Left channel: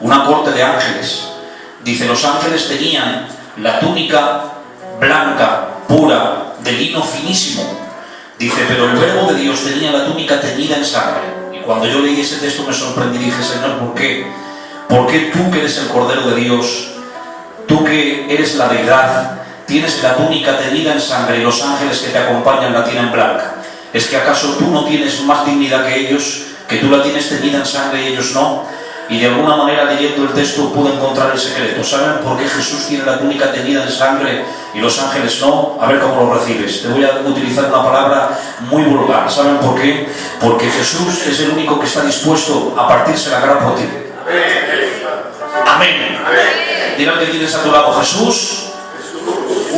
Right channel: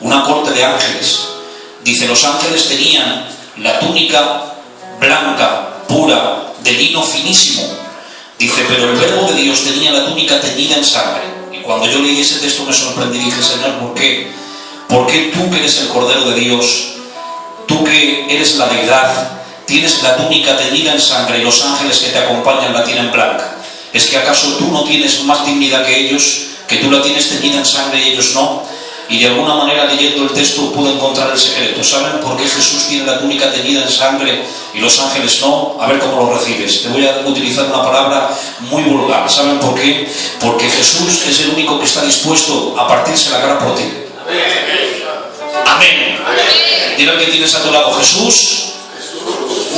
una corte de ángeles. Dice, los ángeles tenían la túnica blanca, pura, de lino finísimo. Dice, pero el Verbo de Dios tenía la túnica teñida en sangre. Y cuando yo leí ese texto me sorprendí y dije, Señor, ¿por qué? ¿Por qué tú que eres el Cordero de Dios, tú que eres la deidad, tienes la túnica teñida en sangre y los ángeles que te acompañan la tienen blanca? ¿Es que acaso tú no tienes más dignidad que ellos, que tú la tienes teñida en sangre y ellos no? Y de alguna manera, leyendo el texto, pude encontrar el secreto. ¿Saben por qué Jesús tiene la túnica teñida en sangre y los ángeles no? A ver cómo lo recibes. Te voy a utilizar una palabra muy vulgar. ¿Saben por qué? Porque Jesús es el único que está dispuesto a partirse la cara por ti. Amén. Dile al que tienes a tu lado, Jesús.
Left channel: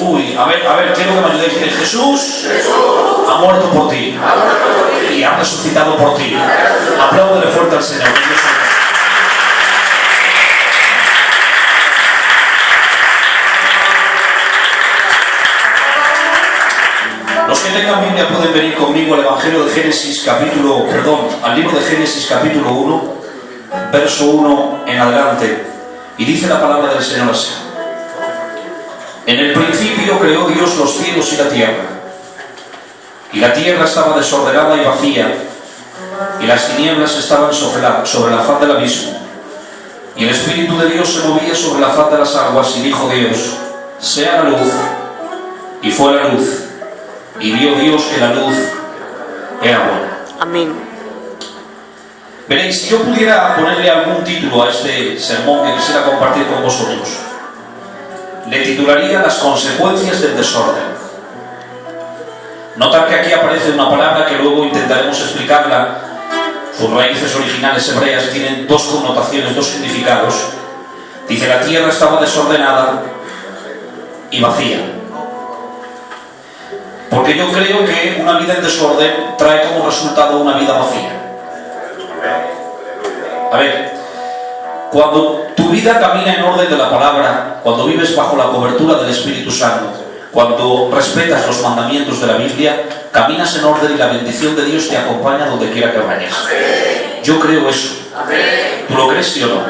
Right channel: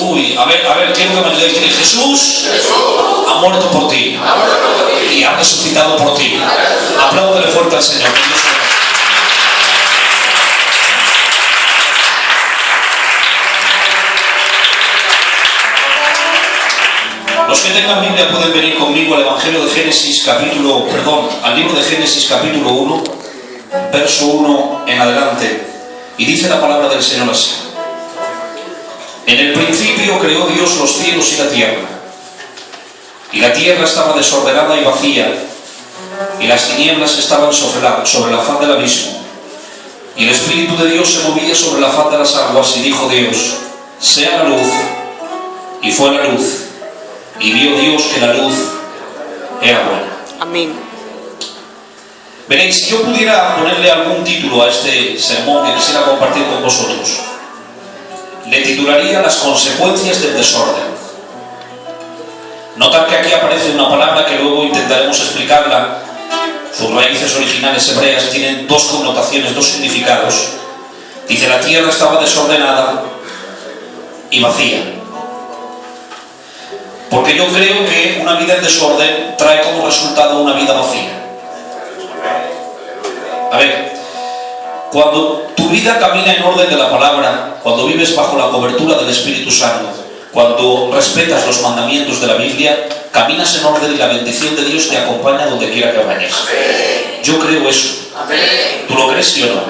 Uy, a ver, quiero que me ayudéis. Dile, Jesús ha muerto por ti y ha resucitado por ti. Apláudele fuerte al Señor. Los que tengan Biblia pueden venir conmigo al Evangelio de Génesis al libro de Génesis capítulo 1, verso 1 en adelante. Y dice la palabra del Señor así. En el principio creó Dios los cielos y la tierra. Y la tierra estaba desordenada y vacía, y las tinieblas estaban sobre la faz del abismo. Y el Espíritu de Dios se movía sobre la faz de las aguas, y dijo Dios, sea la luz, y fue la luz. Y vio Dios que la luz era buena. Amén. Veréis, si yo pudiera ponerle algún título a este sermón que quisiera compartir con vosotros, le titularía Las consecuencias del desorden. Notad que aquí aparece una palabra que luego intentaremos explicarla. Sus raíces originales hebreas tienen dos connotaciones, dos significados. Dice, la tierra estaba desordenada y vacía. Porque yo creo que una vida en desorden trae como resultado una vida vacía. A ver, cuando tu vida camina en orden de la palabra, cuando vives bajo la cobertura del Espíritu Santo, cuando respetas los mandamientos de la Biblia, caminas en orden y la bendición de Dios te acompaña donde quiera que vayas. Yo creo eso. ¿Tú lo crees, sí o no?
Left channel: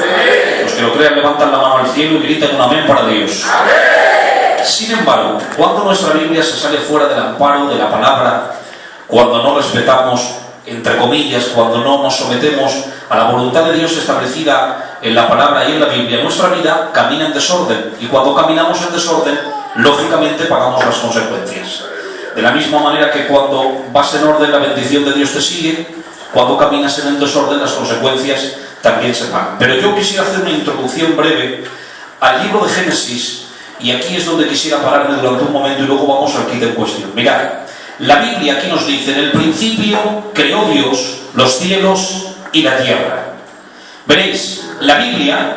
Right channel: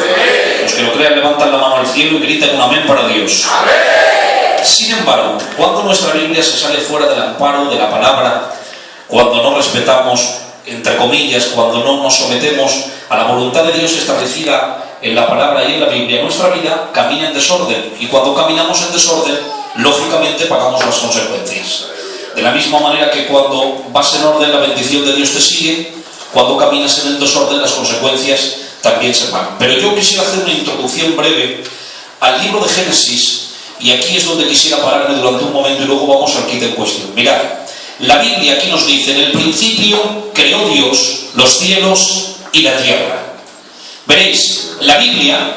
Los que lo crean levantan la mano al cielo y gritan un amén para Dios. Sin embargo, cuando nuestra Biblia se sale fuera del amparo de la palabra, cuando no respetamos, entre comillas, cuando no nos sometemos a la voluntad de Dios establecida en la palabra y en la Biblia, nuestra vida camina en desorden. Y cuando caminamos en desorden, lógicamente pagamos las consecuencias. De la misma manera que cuando vas en orden, la bendición de Dios te sigue, cuando caminas en el desorden, las consecuencias también se pagan. Pero yo quisiera hacer una introducción breve al libro de Génesis. Y aquí es donde quisiera pararme durante un momento y luego vamos al kit en cuestión. Mirad, la Biblia aquí nos dice, en el principio creó Dios los cielos y la tierra. Veréis, la Biblia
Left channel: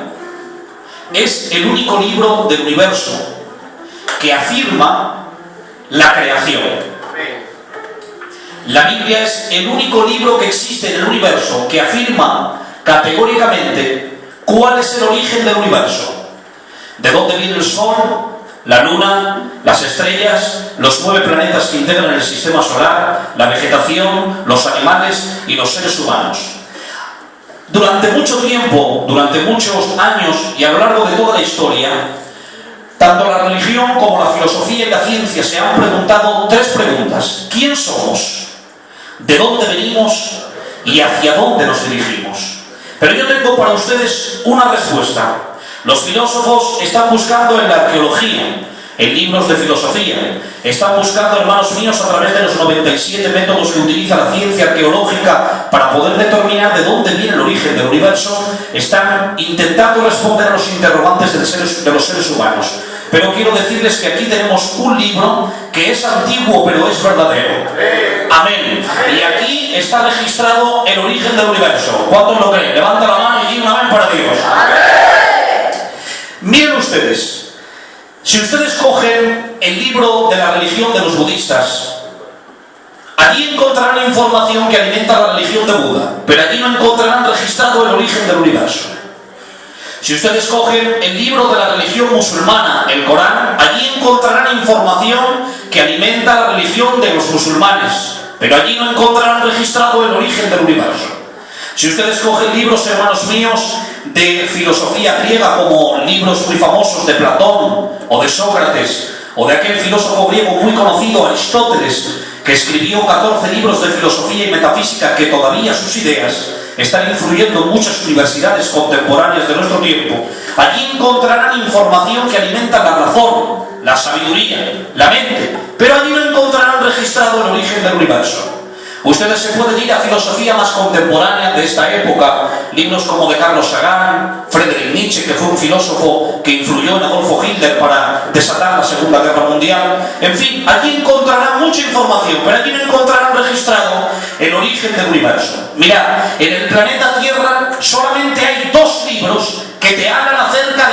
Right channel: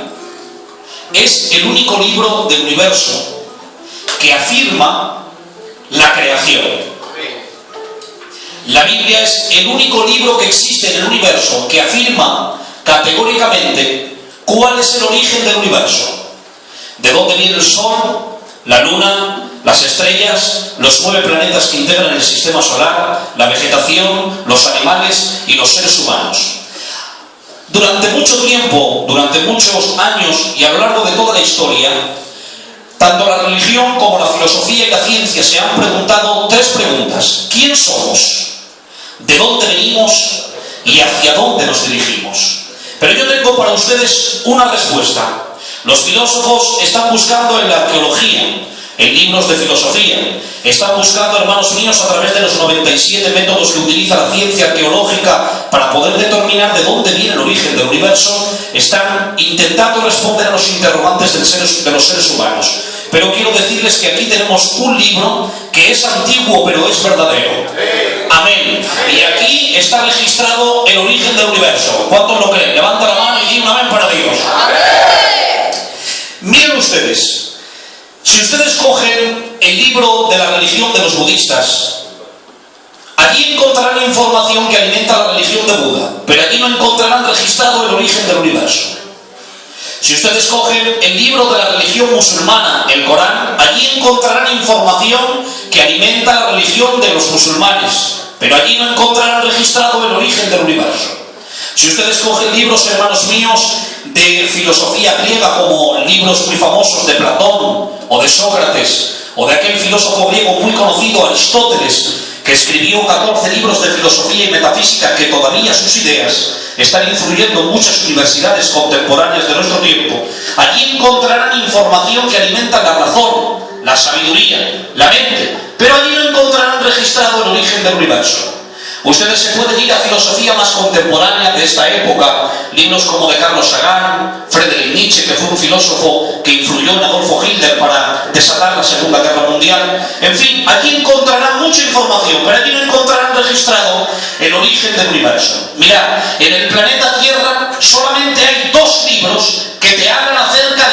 es el único libro del universo que afirma la creación. La Biblia es el único libro que existe en el universo que afirma categóricamente cuál es el origen del universo. ¿De dónde viene el Sol, la Luna, las estrellas, los 9 planetas que integran el sistema solar, la vegetación, los animales y los seres humanos? Durante mucho tiempo, durante muchos años y a lo largo de toda la historia, tanto la religión como la filosofía y la ciencia se han preguntado 3 preguntas. ¿Quién somos? ¿De dónde venimos? ¿Y hacia dónde nos dirigimos? Pero yo tengo para ustedes una respuesta. Los filósofos están buscando en la arqueología, en libros de filosofía, están buscando, hermanos míos, a través de los 97 métodos que utiliza la ciencia arqueológica para poder determinar de dónde viene el origen del universo, están intentando responder a los interrogantes de los seres humanos. Pero quiero decirles que aquí tenemos un libro que es antiguo, pero es verdadero. Amén. Y aquí está registrado el origen del universo. ¿Cuántos lo creen? Levanta la mano y di un amén para Dios. Miren ustedes, si ustedes cogen el libro de la religión de los budistas, allí encontrarán información que alimenta la religión de Buda, pero allí no encontrarán registrado el origen del universo. Si ustedes cogen el libro de la religión musulmana, el Corán, allí encontrarán información que alimenta la religión de los musulmanes, pero allí no encontrarán registrado el origen del universo. Si ustedes cogen libros, hermanos míos, de filosofía griega, como libros muy famosos de Platón o de Sócrates, o de aquel filósofo griego muy conocido, Aristóteles, que escribió 14 libros de filosofía y metafísica, que todavía sus ideas están influyendo en muchas universidades contemporáneas de nuestro tiempo. Allí encontrarán información que alimenta la razón, la sabiduría, la mente, pero allí no encontrarán registrado el origen del universo. Ustedes se pueden ir a filosofía más contemporánea de esta época, libros como de Carlos Sagan, Friedrich Nietzsche, que fue un filósofo que influyó en Adolfo Hitler para desatar la Segunda Guerra Mundial. En fin, allí encontrarán mucha información, pero allí no encontrarán registrado el origen del universo. Mirad, en el planeta Tierra solamente hay 2 libros que te hablan acerca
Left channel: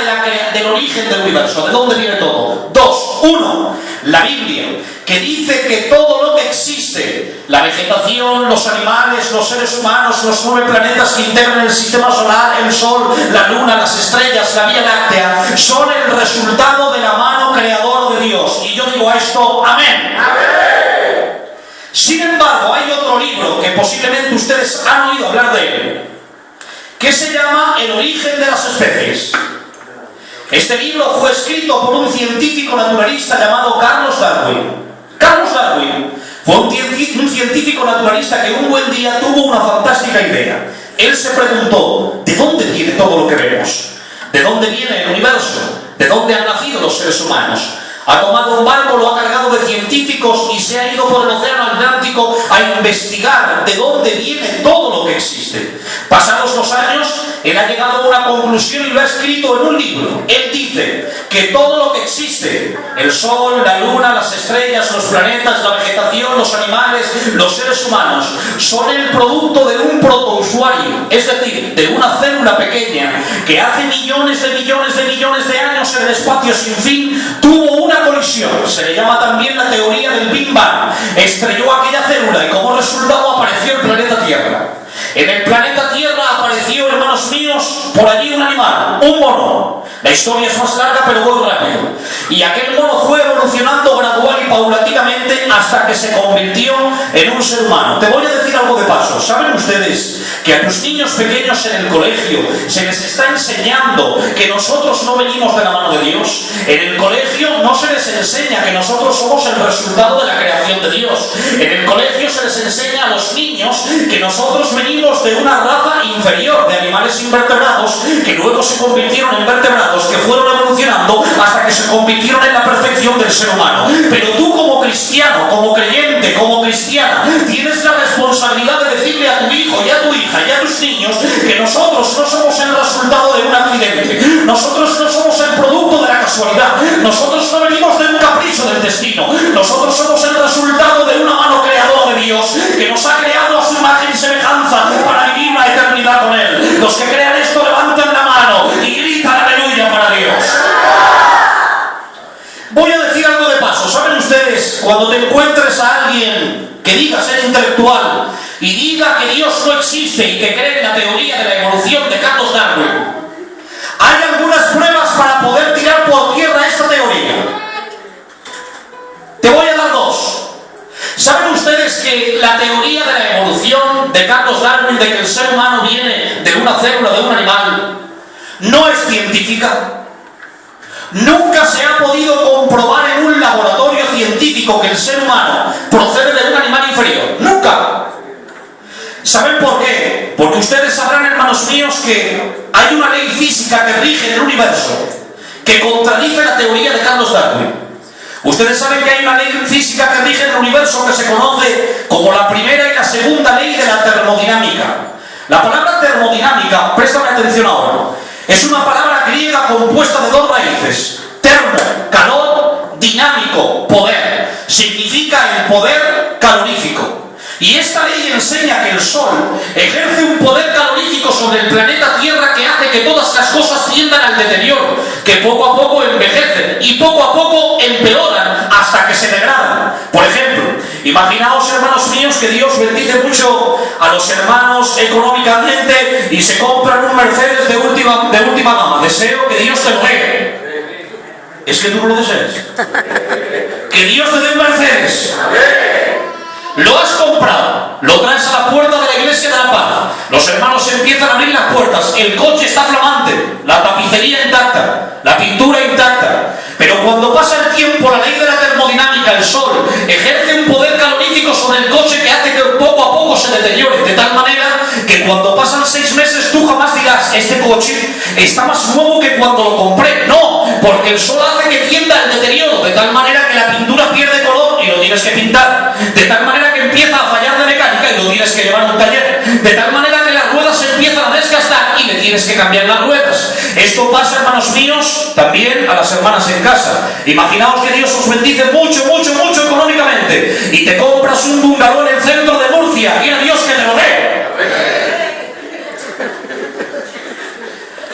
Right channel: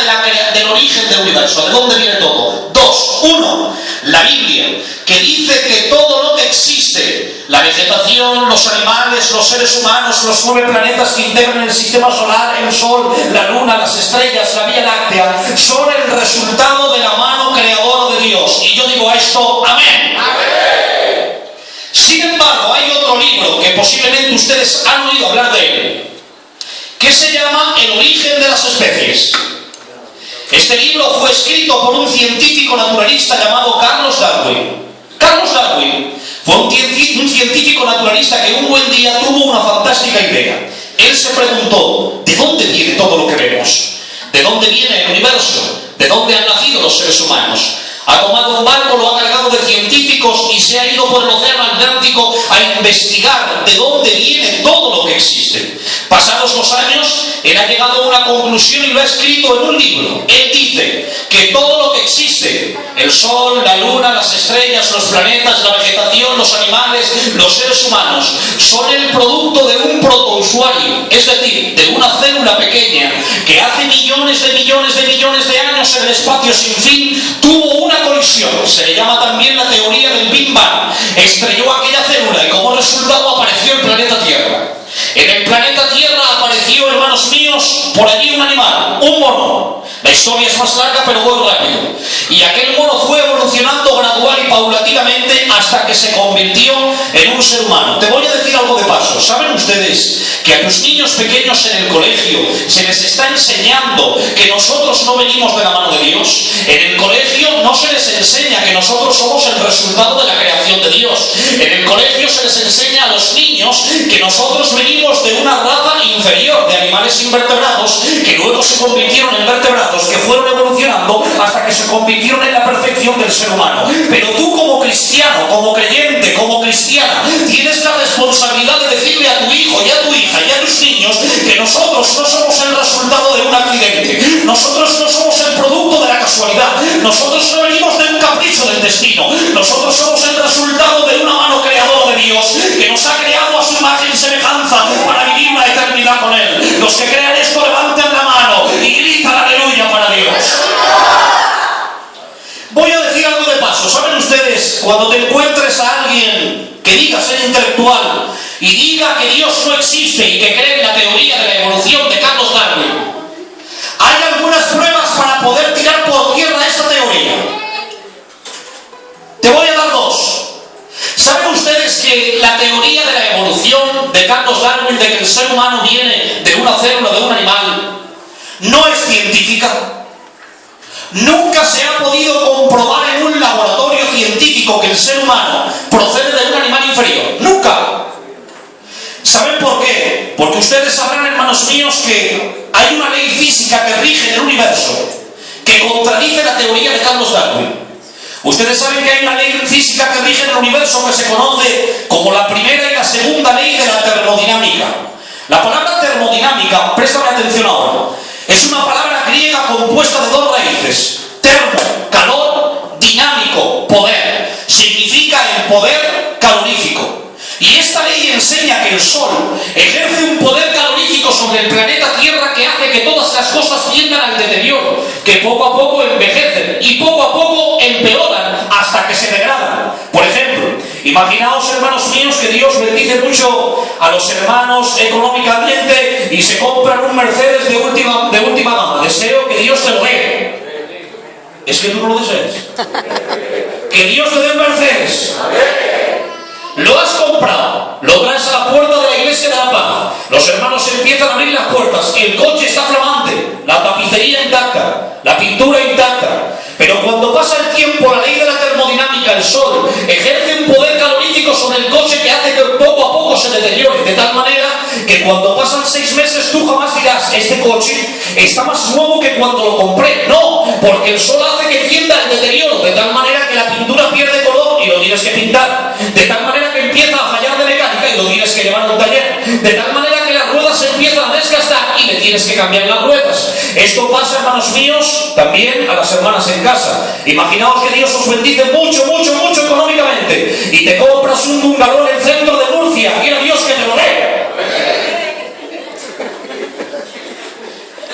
del origen del universo, de dónde viene todo. 2. 1, la Biblia, que dice que todo lo que existe, la vegetación, los animales, los seres humanos, los 9 planetas que integran el sistema solar, el Sol, la Luna, las estrellas, la Vía Láctea, son el resultado de la mano creadora de Dios. Y yo digo a esto, amén. Amén. Sin embargo, hay otro libro que posiblemente ustedes han oído hablar de él, que se llama El origen de las especies. Este libro fue escrito por un científico naturalista llamado Carlos Darwin. Carlos Darwin fue un científico naturalista que un buen día tuvo una fantástica idea. Él se preguntó, ¿de dónde viene todo lo que vemos? ¿De dónde viene el universo? ¿De dónde han nacido los seres humanos? Ha tomado un barco, lo ha cargado de científicos y se ha ido por el océano Atlántico a investigar de dónde viene todo lo que existe. Pasados los años, él ha llegado a una conclusión y lo ha escrito en un libro. Él dice que todo lo que existe, el Sol, la Luna, las estrellas, los planetas, la vegetación, los animales, los seres humanos, son el producto de un protousuario, es decir, de una célula pequeña que hace millones de años en el espacio sin fin tuvo una colisión. Se le llama también la teoría del Big Bang. Estrelló aquella célula y como resultado apareció el planeta Tierra. En el planeta Tierra apareció, hermanos míos, por allí un animal, un mono. La historia es más larga, pero voy rápido. Y aquel mono fue evolucionando gradual y paulatinamente hasta que se convirtió en un ser humano. Te voy a decir algo de paso. ¿Saben ustedes que a tus niños pequeños en el colegio se les está enseñando que nosotros no venimos de la mano de Dios? En el colegio no se les enseña que nosotros somos el resultado de la creación de Dios. En el colegio se les enseña a los niños que nosotros venimos de una raza inferior, de animales invertebrados, que luego se convirtieron en vertebrados, que fueron evolucionando hasta que se convirtieron en la perfección del ser humano. Pero tú, como cristiano, como creyente, como cristiana, tienes la responsabilidad de decirle a tu hijo y a tu hija y a tus niños que nosotros no somos el resultado de un accidente, nosotros no somos el producto de la casualidad, nosotros no venimos de un capricho del destino, nosotros somos el resultado de una mano creadora de Dios que nos ha creado a su imagen y semejanza para vivir la eternidad con Él. Los que crean esto levantan la mano y gritan aleluya para Dios. Voy a decir algo de paso. ¿Saben ustedes, cuando te encuentres a alguien que diga ser intelectual y diga que Dios no existe y que cree en la teoría de la evolución de Carlos Darwin, hay algunas pruebas para poder tirar por tierra esta teoría? Te voy a dar 2. ¿Saben ustedes que la teoría de la evolución de Carlos Darwin, de que el ser humano viene de una célula de un animal, no es científica? Nunca se ha podido comprobar en un laboratorio científico que el ser humano procede de un animal inferior. ¡Nunca! ¿Saben por qué? Porque ustedes sabrán, hermanos míos, que hay una ley física que rige el universo que contradice la teoría de Carlos Darwin. Ustedes saben que hay una ley física que rige el universo que se conoce como la primera y la segunda ley de la termodinámica. La palabra termodinámica, préstame atención ahora, es una palabra griega compuesta de 2 raíces. Termo, calor, dinámico, poder. Significa el poder calorífico. Y esta ley enseña que el Sol ejerce un poder calorífico sobre el planeta Tierra que hace que todas las cosas tiendan al deterioro, que poco a poco envejecen y poco a poco empeoran hasta que se degradan. Por ejemplo, imaginaos, hermanos míos, que Dios bendice mucho a los hermanos económicamente y se compran un Mercedes de última gama. Deseo que Dios te lo dé. Es que tú no lo deseas. Que Dios te dé un Mercedes. Lo has comprado, lo traes a la puerta de la iglesia de la paz. Los hermanos empiezan a abrir las puertas. el coche está flamante, la tapicería intacta, la pintura intacta. Pero cuando pasa el tiempo, la ley de la termodinámica, el sol, ejerce un poder calorífico sobre el coche que hace que poco a poco se deteriore, de tal manera que cuando pasan 6 meses tú jamás dirás, este coche está más nuevo que cuando lo compré. No, porque el sol hace que tienda al deterioro, de tal manera que la pintura pierde color y lo tienes que pintar, de tal manera que empieza a fallar de mecánica y lo tienes que llevar a un taller, de tal manera que las ruedas se empiezan a desgastar y le tienes que cambiar las ruedas. Esto pasa, hermanos míos, también a las hermanas en casa. Imaginaos que Dios os bendice mucho, mucho, mucho económicamente y te compras un bungalow en el centro de Murcia, quiera Dios que te lo dé.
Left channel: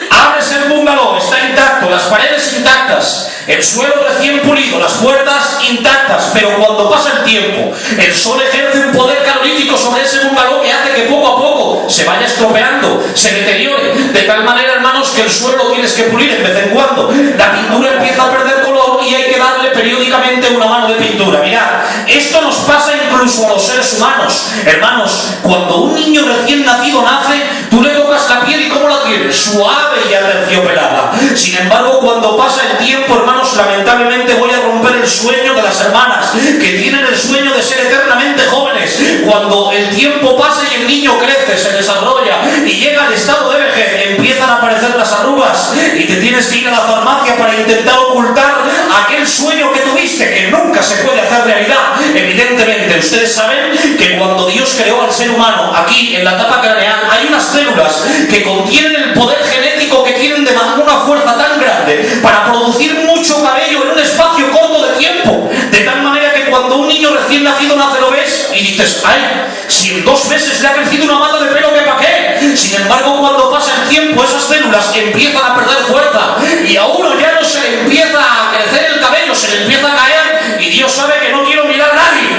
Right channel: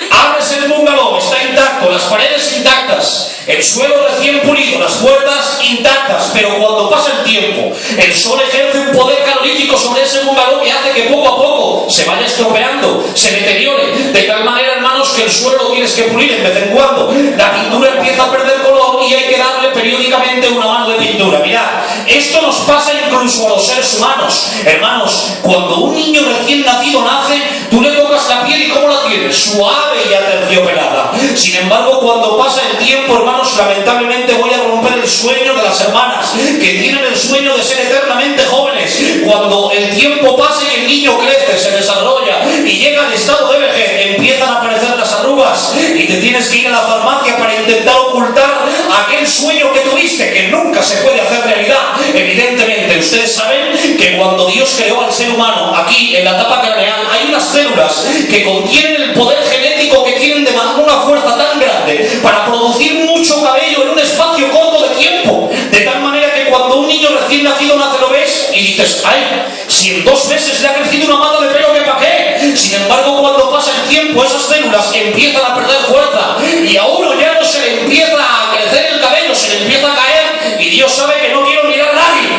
Abres el bungalow, está intacto, las paredes intactas, el suelo recién pulido, las puertas intactas, pero cuando pasa el tiempo, el sol ejerce un poder calorífico sobre ese bungalow que hace que poco a poco se vaya estropeando, se deteriore, de tal manera, hermanos, que el suelo lo tienes que pulir de vez en cuando. La pintura empieza a perder color y hay que darle periódicamente una mano de pintura. Mirad, esto nos pasa incluso a los seres humanos. Hermanos, cuando un niño recién nacido nace, tú le tocas la piel y ¿cómo la tienes? Suave y aterciopelada. Sin embargo, cuando pasa el tiempo, hermanos, lamentablemente voy a romper el sueño de las hermanas que tienen el sueño de ser eternamente jóvenes. Cuando el tiempo pasa y el niño crece, se desarrolla y llega al estado de vejez, empiezan a aparecer las arrugas y te tienes que ir a la farmacia para intentar ocultar aquel sueño que tuviste, que nunca se puede hacer realidad. Evidentemente, ustedes saben que cuando Dios creó al ser humano, aquí en la tapa craneal, hay unas células que contienen el poder genético que tienen de una fuerza tan grande para producir mucho cabello en un espacio corto de tiempo, de tal manera que cuando un niño recién nacido nace lo ves y dices, ay, si en 2 meses le ha crecido una mata de pelo, ¿qué para qué? Sin embargo, cuando pasa el tiempo, esas células empiezan a perder fuerza y a uno ya no se le empieza a crecer el cabello, se le empieza a caer y Dios sabe que no quiero mirar a nadie.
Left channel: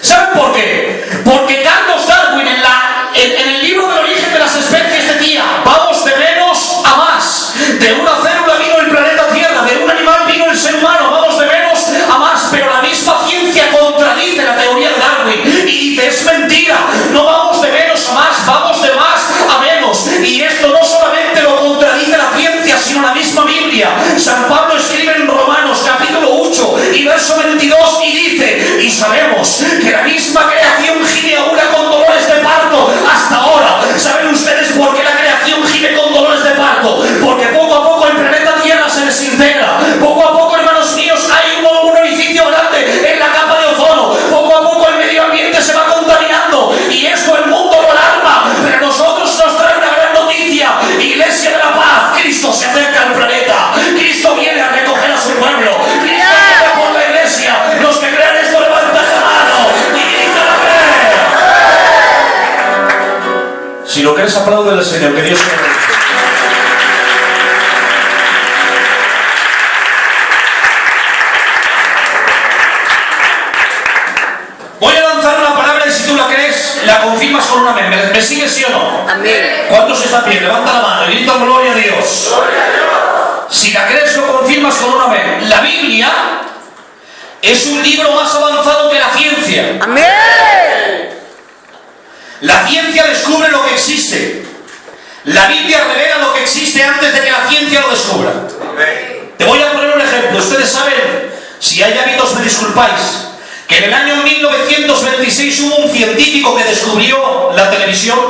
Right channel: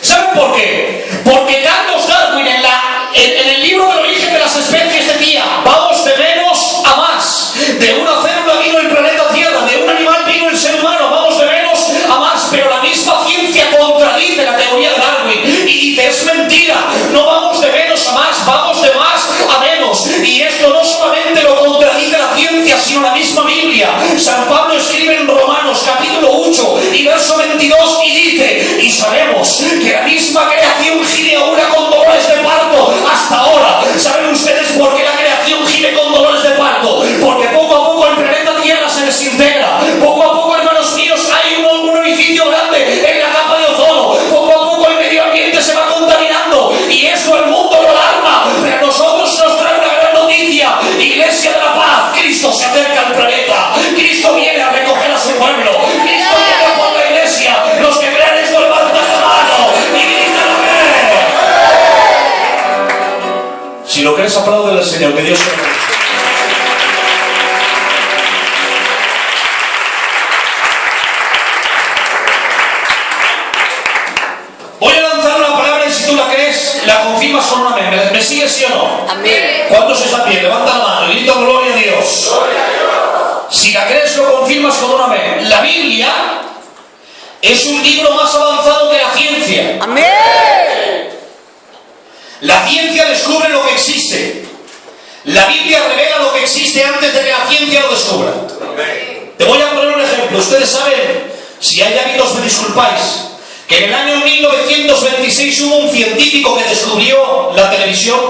¿Saben por qué? Porque Carlos Darwin en el libro del origen de las especies decía, vamos de menos a más. De una célula vino el planeta Tierra, de un animal vino el ser humano, vamos de menos a más. Pero la misma ciencia contradice la teoría de Darwin y dice, es mentira, no vamos de menos a más, vamos de más a menos. Y esto no solamente lo contradice la ciencia, sino la misma Biblia. San Pablo escribe en Romanos capítulo 8 y verso 22 y dice, y sabemos que la misma creación gime aún con dolores de parto hasta ahora. ¿Saben ustedes por qué la creación gime con dolores de parto? Porque poco a poco el planeta Tierra se desintegra. Poco a poco, hermanos míos, hay un orificio grande en la capa de ozono. Poco a poco el medio ambiente se va contaminando y esto el mundo lo alarma. Pero a nosotros nos trae una gran noticia. Iglesia de la Paz, Cristo se acerca al planeta. Cristo viene a recoger a su pueblo. Cristo viene por la iglesia. Los que crean esto, levantan la mano y gritan amén. Si lo crees, apláudele al Señor, que Dios te bendiga. Voy a lanzar una palabra y si tú la crees, la confirmas con un amén. ¿Me sigues, sí o no? Amén. ¿Cuántos están bien? Levanta la mano y grita gloria a Dios. Gloria a Dios. Si la crees, lo confirmas con un amén. La Biblia es un libro más avanzado que la ciencia. Amén. La ciencia descubre lo que existe. La Biblia revela lo que existe antes de que la ciencia lo descubra. Amén. Te voy a poner un ejemplo. Ustedes saben, si hay hábitos me disculpáis, que en el año 1926 hubo un científico que descubrió la televisión.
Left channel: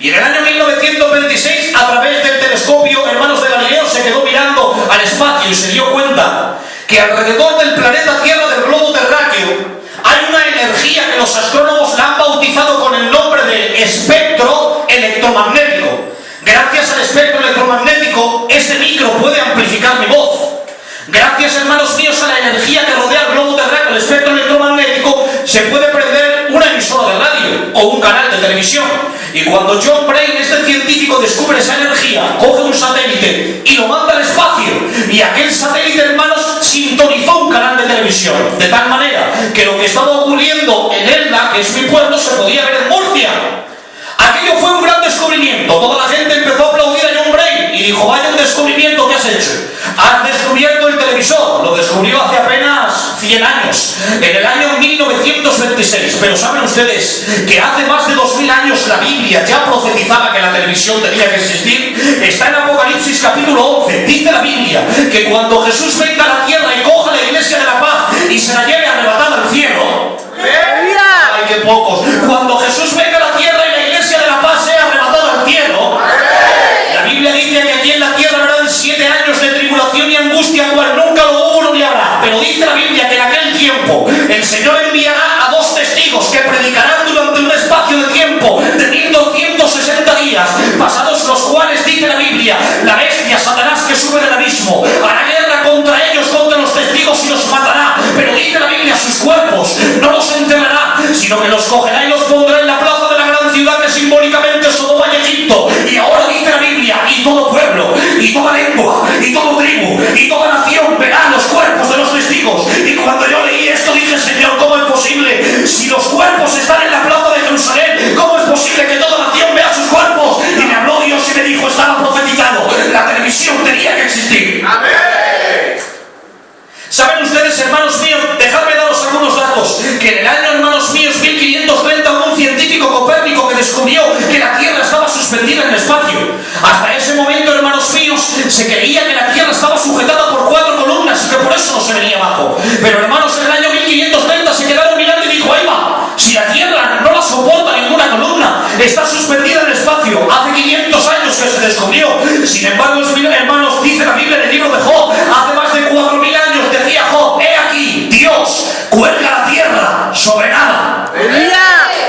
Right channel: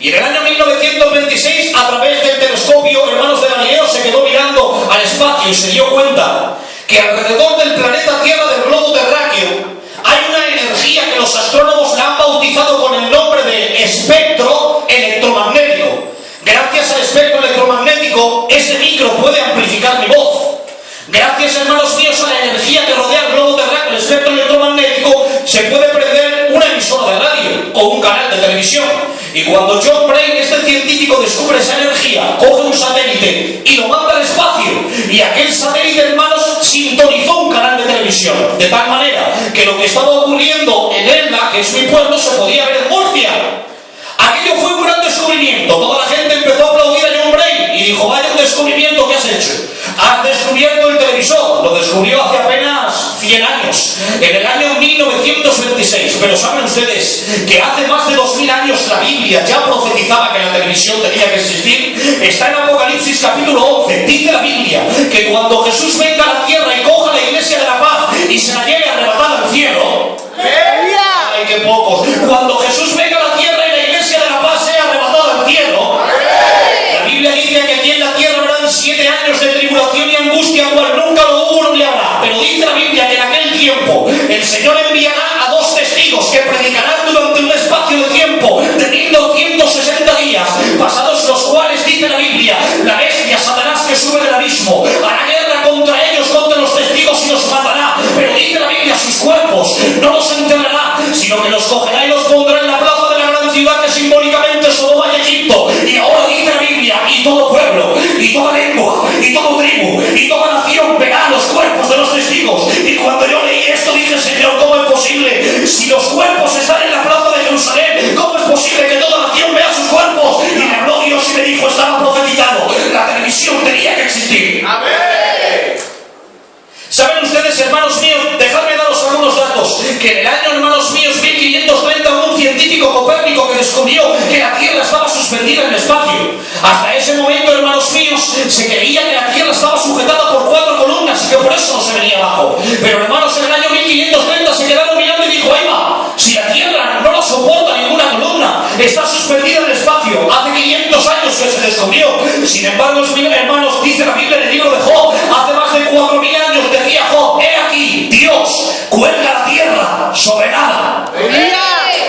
Y en el año 1926, a través del telescopio, hermanos de Galileo se quedó mirando al espacio y se dio cuenta que alrededor del planeta Tierra, del globo terráqueo, hay una energía que los astrónomos la han bautizado con el nombre de espectro electromagnético. Gracias al espectro electromagnético, ese micro puede amplificar mi voz. Gracias, hermanos míos, a la energía que rodea el globo terráqueo, el espectro electromagnético, se puede prender una emisora de radio o un canal de televisión. Y cuando John Brain, este científico, descubre esa energía, coge un satélite y lo manda al espacio. Y aquel satélite, hermanos, sintonizó un canal de televisión. De tal manera que lo que estaba ocurriendo en Elda, que es mi pueblo, se podía ver en Murcia. Aquello fue un gran descubrimiento. Toda la gente empezó a aplaudir a John Brain y dijo, vaya un descubrimiento que has hecho. Has descubierto el televisor. Lo descubrió hace apenas 100 años, en el año 1926. Pero saben ustedes que hace más de 2000 años la Biblia ya profetizaba que la televisión tenía que existir. Está en Apocalipsis capítulo 11. Dice la Biblia que cuando Jesús venga a la tierra y coja la iglesia de la paz y se la lleve arrebatada al cielo, ¡ay, qué pocos! Cuando Jesús venga a la tierra y la iglesia de la paz sea arrebatada al cielo, la Biblia dice que aquí en la tierra habrán 7 años de tribulación y angustia, cual nunca lo hubo ni habrá. Pero dice la Biblia que en aquel tiempo el Señor enviará a 2 testigos que predicarán durante un espacio de tiempo de 1260 días, pasados los cuales, dice la Biblia, la bestia, Satanás, que sube del abismo, hará guerra contra ellos, contra los testigos, y los matará. Pero dice la Biblia, sus cuerpos no los enterrará, sino que los cogerá y los pondrá en la plaza de la gran ciudad, que simbólicamente es Sodoma y Egipto. Y ahora dice la Biblia, y todo pueblo, y toda lengua, y toda tribu, y toda nación verá los cuerpos de los testigos. Y cuando yo leí esto dije, Señor, ¿cómo es posible? Si los cuerpos están en la plaza de Jerusalén, ¿cómo es posible que toda nación vea sus cuerpos? Y me habló Dios y me dijo, estaba profetizado, la televisión tenía que existir. ¡Amén! ¿Saben ustedes, hermanos míos? Dejadme daros algunos datos. Que en el año, hermanos míos, 1530, hubo un científico, Copérnico, que descubrió que la Tierra estaba suspendida en el espacio. Hasta ese momento, hermanos míos, se creía que la Tierra estaba sujetada por 4 columnas y que por eso no se venía abajo. Pero, hermanos, en el año 1530 se quedaron mirando y dijo, ahí va, si la Tierra no la soporta ninguna columna, está suspendida en el espacio. Hace 500 años que se descubrió. Sin embargo, hermanos, dice la Biblia en el libro de Job, hace más de 4000 años decía Job, he aquí, Dios cuelga la tierra sobre nada.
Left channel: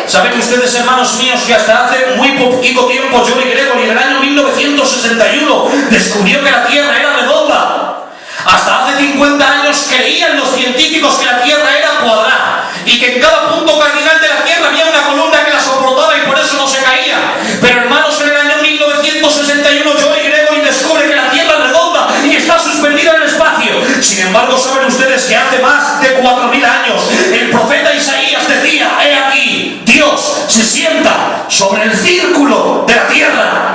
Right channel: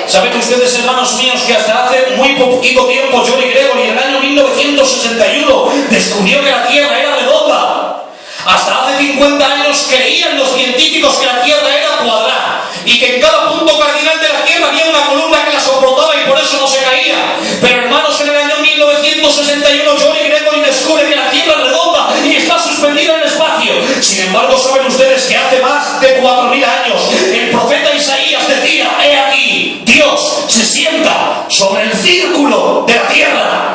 ¿Saben ustedes, hermanos míos, que hasta hace muy poquito tiempo Johnny Gregory, en el año 1961, descubrió que la Tierra era redonda? Hasta hace 50 años creían los científicos que la Tierra era cuadrada y que en cada punto cardinal de la Tierra había una columna que la soportaba y por eso no se caía. Pero, hermanos, en el año 1961 Johnny Gregory descubre que la Tierra es redonda y está suspendida en el espacio. Sin embargo, ¿saben ustedes que hace más de 4000 años el profeta Isaías decía, he aquí, Dios se sienta sobre el círculo de la Tierra?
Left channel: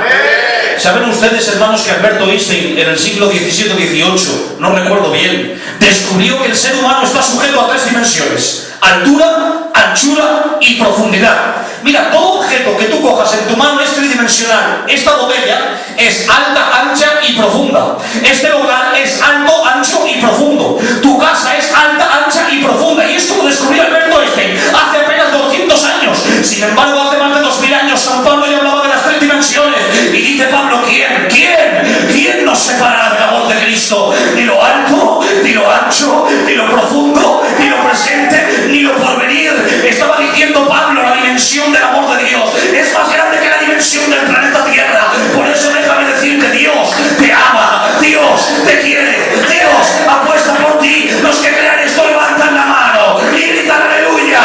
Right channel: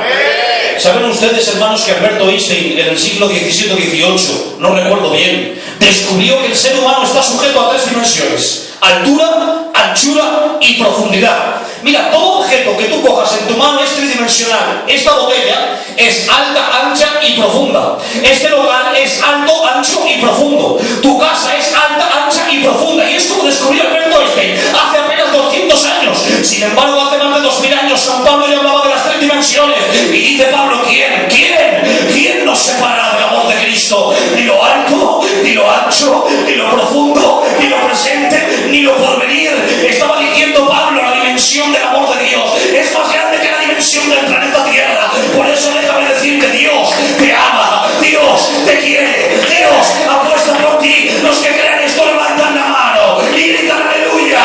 ¿Saben ustedes, hermanos, que Alberto Einstein en el siglo XVII o XVIII, no recuerdo bien, descubrió que el ser humano está sujeto a 3 dimensiones: altura, anchura y profundidad? Mira, todo objeto que tú cojas en tu mano es tridimensional. Esta botella es alta, ancha y profunda. Este local es alto, ancho y profundo. Tu casa es alta, ancha y profunda. Y esto lo descubrió Alberto Einstein hace apenas 200 años. Sin embargo, hace más de 2000 años San Pablo ya hablaba de las 3 dimensiones. Y dice Pablo, ¿quién nos separará del amor de Cristo? Ni lo alto, ni lo ancho, ni lo profundo, ni lo presente, ni lo porvenir. Estaba diciendo Pablo, la dimensión del amor de Dios es más grande que la dimensión del planeta Tierra. Por eso déjame decir que Dios te ama, Dios te quiere, Dios apuesta por ti. Los que crean esto levantan la mano y gritan aleluya.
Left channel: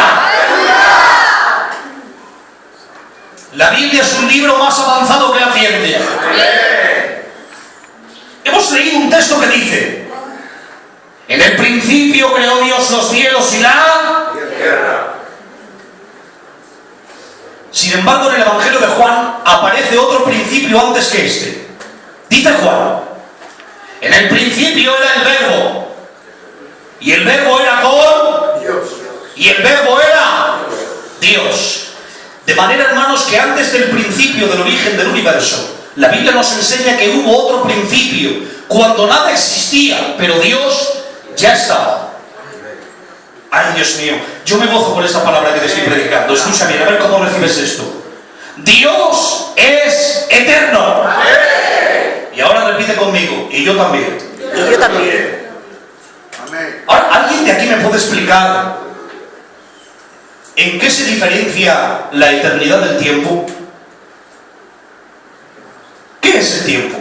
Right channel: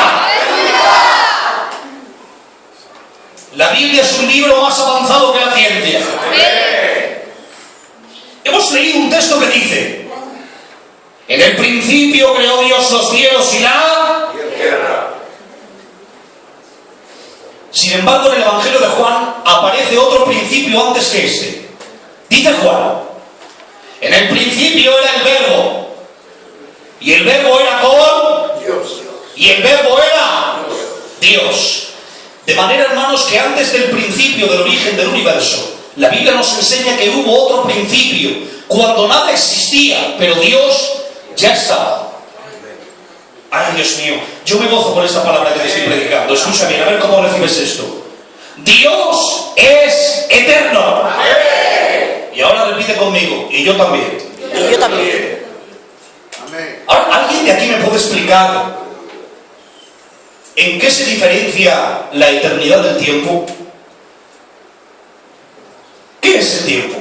La Biblia es un libro más avanzado que la ciencia. Hemos leído un texto que dice, en el principio creó Dios los cielos y la tierra. Sin embargo, en el Evangelio de Juan aparece otro principio antes que este. Dice Juan, en el principio era el Verbo, y el Verbo era con Dios, y el Verbo era Dios. De manera, hermanos, que antes del principio del origen del universo, la Biblia nos enseña que hubo otro principio, cuando nada existía, pero Dios ya estaba. Ay, Dios mío, yo me gozo por esta palabra que te estoy predicando. Escucha bien, a ver cómo recibes esto. Dios es eterno. Y ahora repite conmigo, y yo también. Y yo también. Ahora, ¿alguien de aquí me puede explicar en qué se diferencia la eternidad del tiempo? ¿Qué es el tiempo?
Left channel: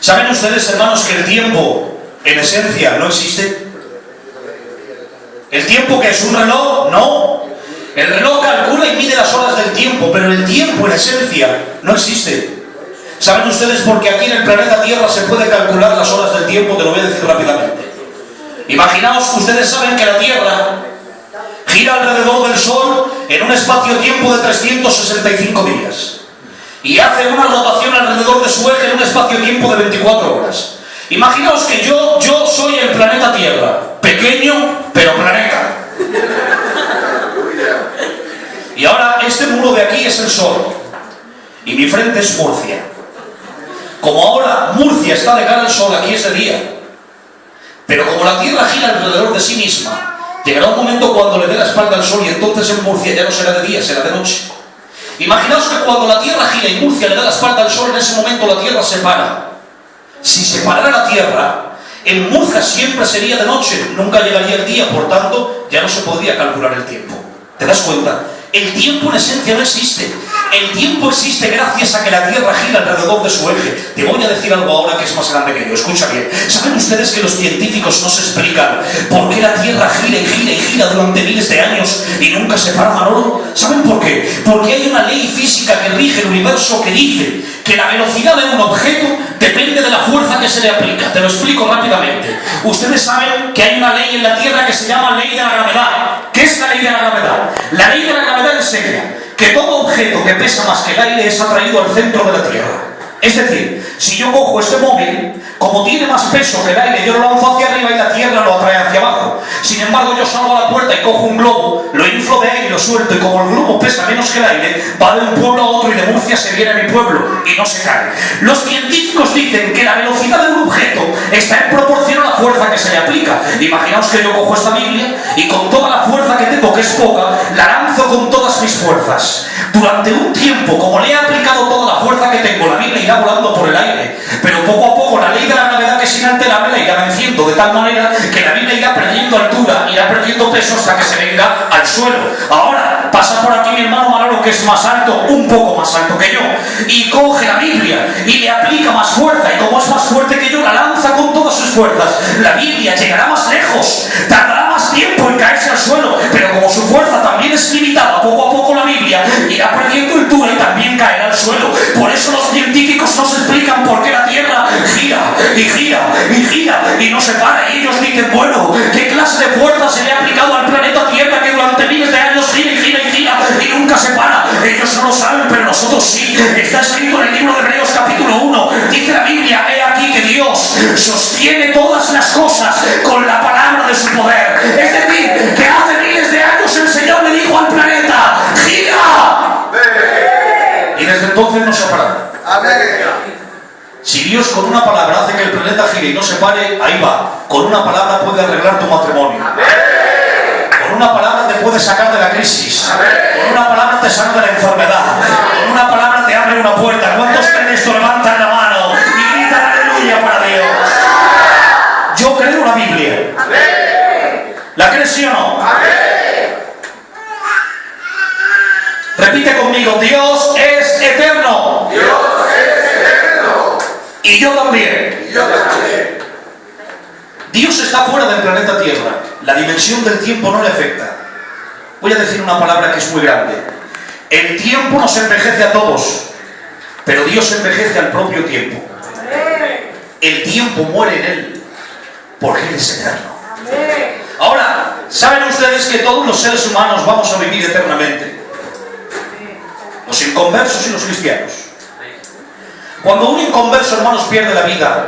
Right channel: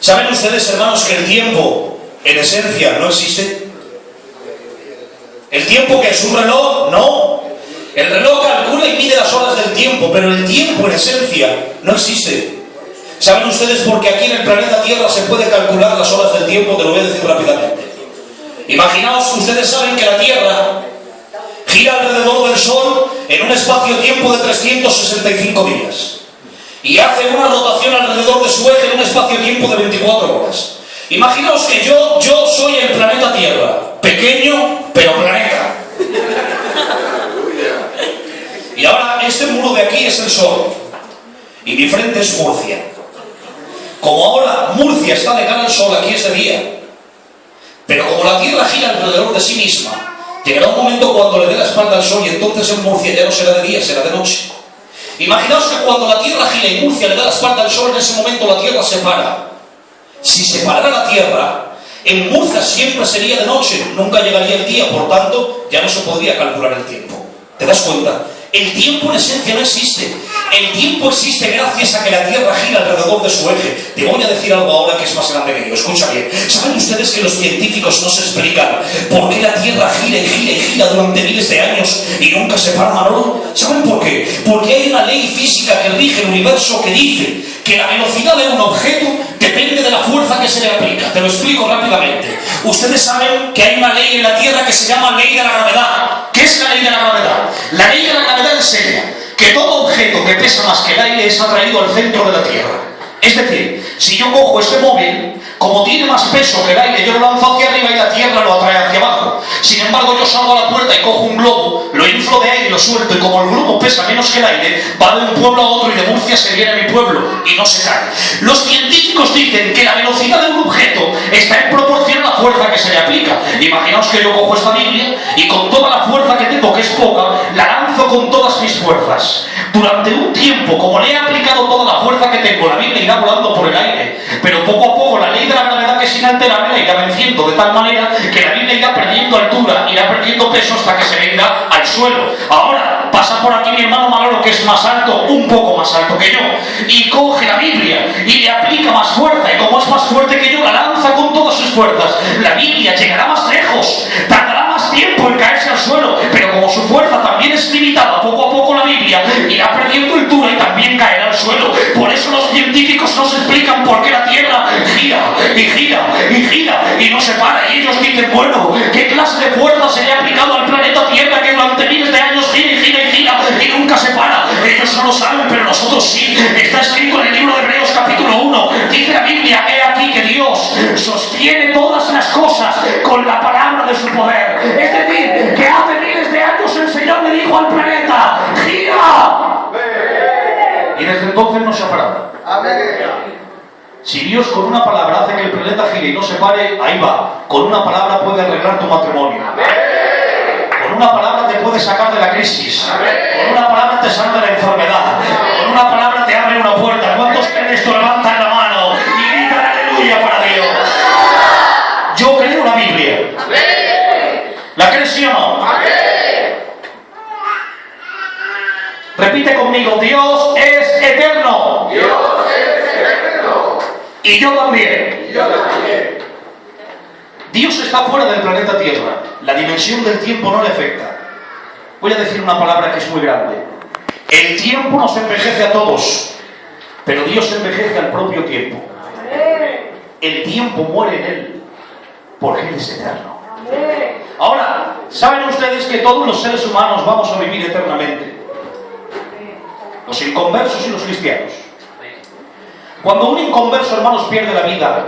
¿Saben ustedes, hermanos, que el tiempo en esencia no existe? ¿El tiempo que es un reloj? No. El reloj calcula y mide las horas del tiempo, pero el tiempo en esencia no existe. ¿Saben ustedes por qué aquí en el planeta Tierra se puede calcular las horas del tiempo? Te lo voy a decir rápidamente. Imaginaos que ustedes saben que la Tierra gira alrededor del Sol en un espacio-tiempo de 365 días. Y hace una rotación alrededor de su eje en un espacio-tiempo de 24 horas. Imaginaos que yo soy el planeta Tierra, pequeño, pero planeta. Y ahora este muro de aquí es el Sol. Y mi frente es Murcia. Como ahora Murcia está de cara al Sol, aquí es de día. Pero como la Tierra gira alrededor de sí misma, llegará un momento cuando le dé la espalda al Sol y entonces en Murcia ya no será de día, será de noche. Imaginaos que cuando la Tierra gira y Murcia le da la espalda al Sol, en ese momento la Tierra se para. Si se parara la Tierra, en Murcia siempre sería de noche, nunca llegaría el día, por tanto, ya no se podría calcular el tiempo. ¿Te das cuenta? El tiempo en esencia no existe. El tiempo existe gracias a que la Tierra gira alrededor de su eje. Te voy a decir algo ahora que es más grande que yo. Escucha bien. ¿Saben ustedes que los científicos no se explican por qué la Tierra gira y gira y gira durante miles de años y nunca se para, Manolo? ¿Saben por qué? Porque hay una ley física que rige el universo que dice que la velocidad de un objeto depende de la fuerza que se le aplica. Te lo explico rápidamente. Ustedes saben que hay una ley en la Tierra que se llama ley de la gravedad. ¿Qué es la ley de la gravedad? La ley de la gravedad enseña que todo objeto que pesa más que el aire es atraído al centro de la Tierra. Es decir, si yo cojo este móvil, como tiene más peso que el aire, yo lo lanzo hacia arriba y la Tierra lo atrae hacia abajo. Sin embargo, yo salgo a la puerta y cojo un globo, lo inflo de aire y lo suelto, y como el globo pesa menos que el aire, va de un pueblo a otro y de Murcia se viene a mi pueblo y no se cae. Los científicos dicen que la velocidad de un objeto está en proporción a la fuerza que se le aplica. Imaginaos que yo cojo esta Biblia y con toda la fuerza que tengo, que es poca, la lanzo con todas mis fuerzas. Durante un tiempo, como le he aplicado toda la fuerza que tengo, la Biblia irá volando por el aire, pero poco a poco la ley de la gravedad, que es inalterable, la irá venciendo de tal manera que la Biblia irá perdiendo altura, irá perdiendo peso hasta que se venga al suelo. Ahora pasa por aquí mi hermano Manolo, que es más alto, un poco más alto que yo, y coge la Biblia y le aplica más fuerza, y como es más fuerte que yo, la lanza con todas sus fuerzas. La Biblia llegará más lejos, tardará más tiempo en caerse al suelo, pero como su fuerza también es limitada, poco a poco la Biblia irá perdiendo altura y también caerá al suelo. Por eso los científicos no se explican por qué la Tierra gira y gira y gira y no se para, y ellos dicen, bueno, ¿qué clase de fuerza se le ha aplicado al planeta Tierra que durante miles de años gira y gira y gira y nunca se para? Ellos no lo saben, pero nosotros sí. Está escrito en el libro de Hebreos capítulo 1, dice la Biblia, he aquí que Dios sostiene todas las cosas con la palabra de su poder. Es decir, que hace miles de años el Señor le dijo al planeta, ¡gira! Y desde entonces no se ha parado. Si Dios con una palabra hace que el planeta gire y no se pare, ahí va. Con una palabra puede arreglar tu matrimonio. Con una palabra te puede sacar de la crisis. Con una palabra te sana de la enfermedad. Con una palabra te abre una puerta. ¿Cuántos creen esto? Levantan la mano y gritan aleluya para Dios. Yo creo la Biblia. ¿La crees, sí o no? Repite conmigo, Dios es eterno. Dios es eterno. Y yo también. Dios está fuera del planeta Tierra. La dimensión del tiempo no le afecta. Voy a decir una palabra que es muy grande. El tiempo nos envejece a todos, pero Dios envejece al propio tiempo. El tiempo muere en Él, porque Él es eterno. Ahora, ¿saben ustedes que todos los seres humanos vamos a vivir eternamente? Los inconversos y los cristianos. Cuando un inconverso, hermanos, pierde la vida,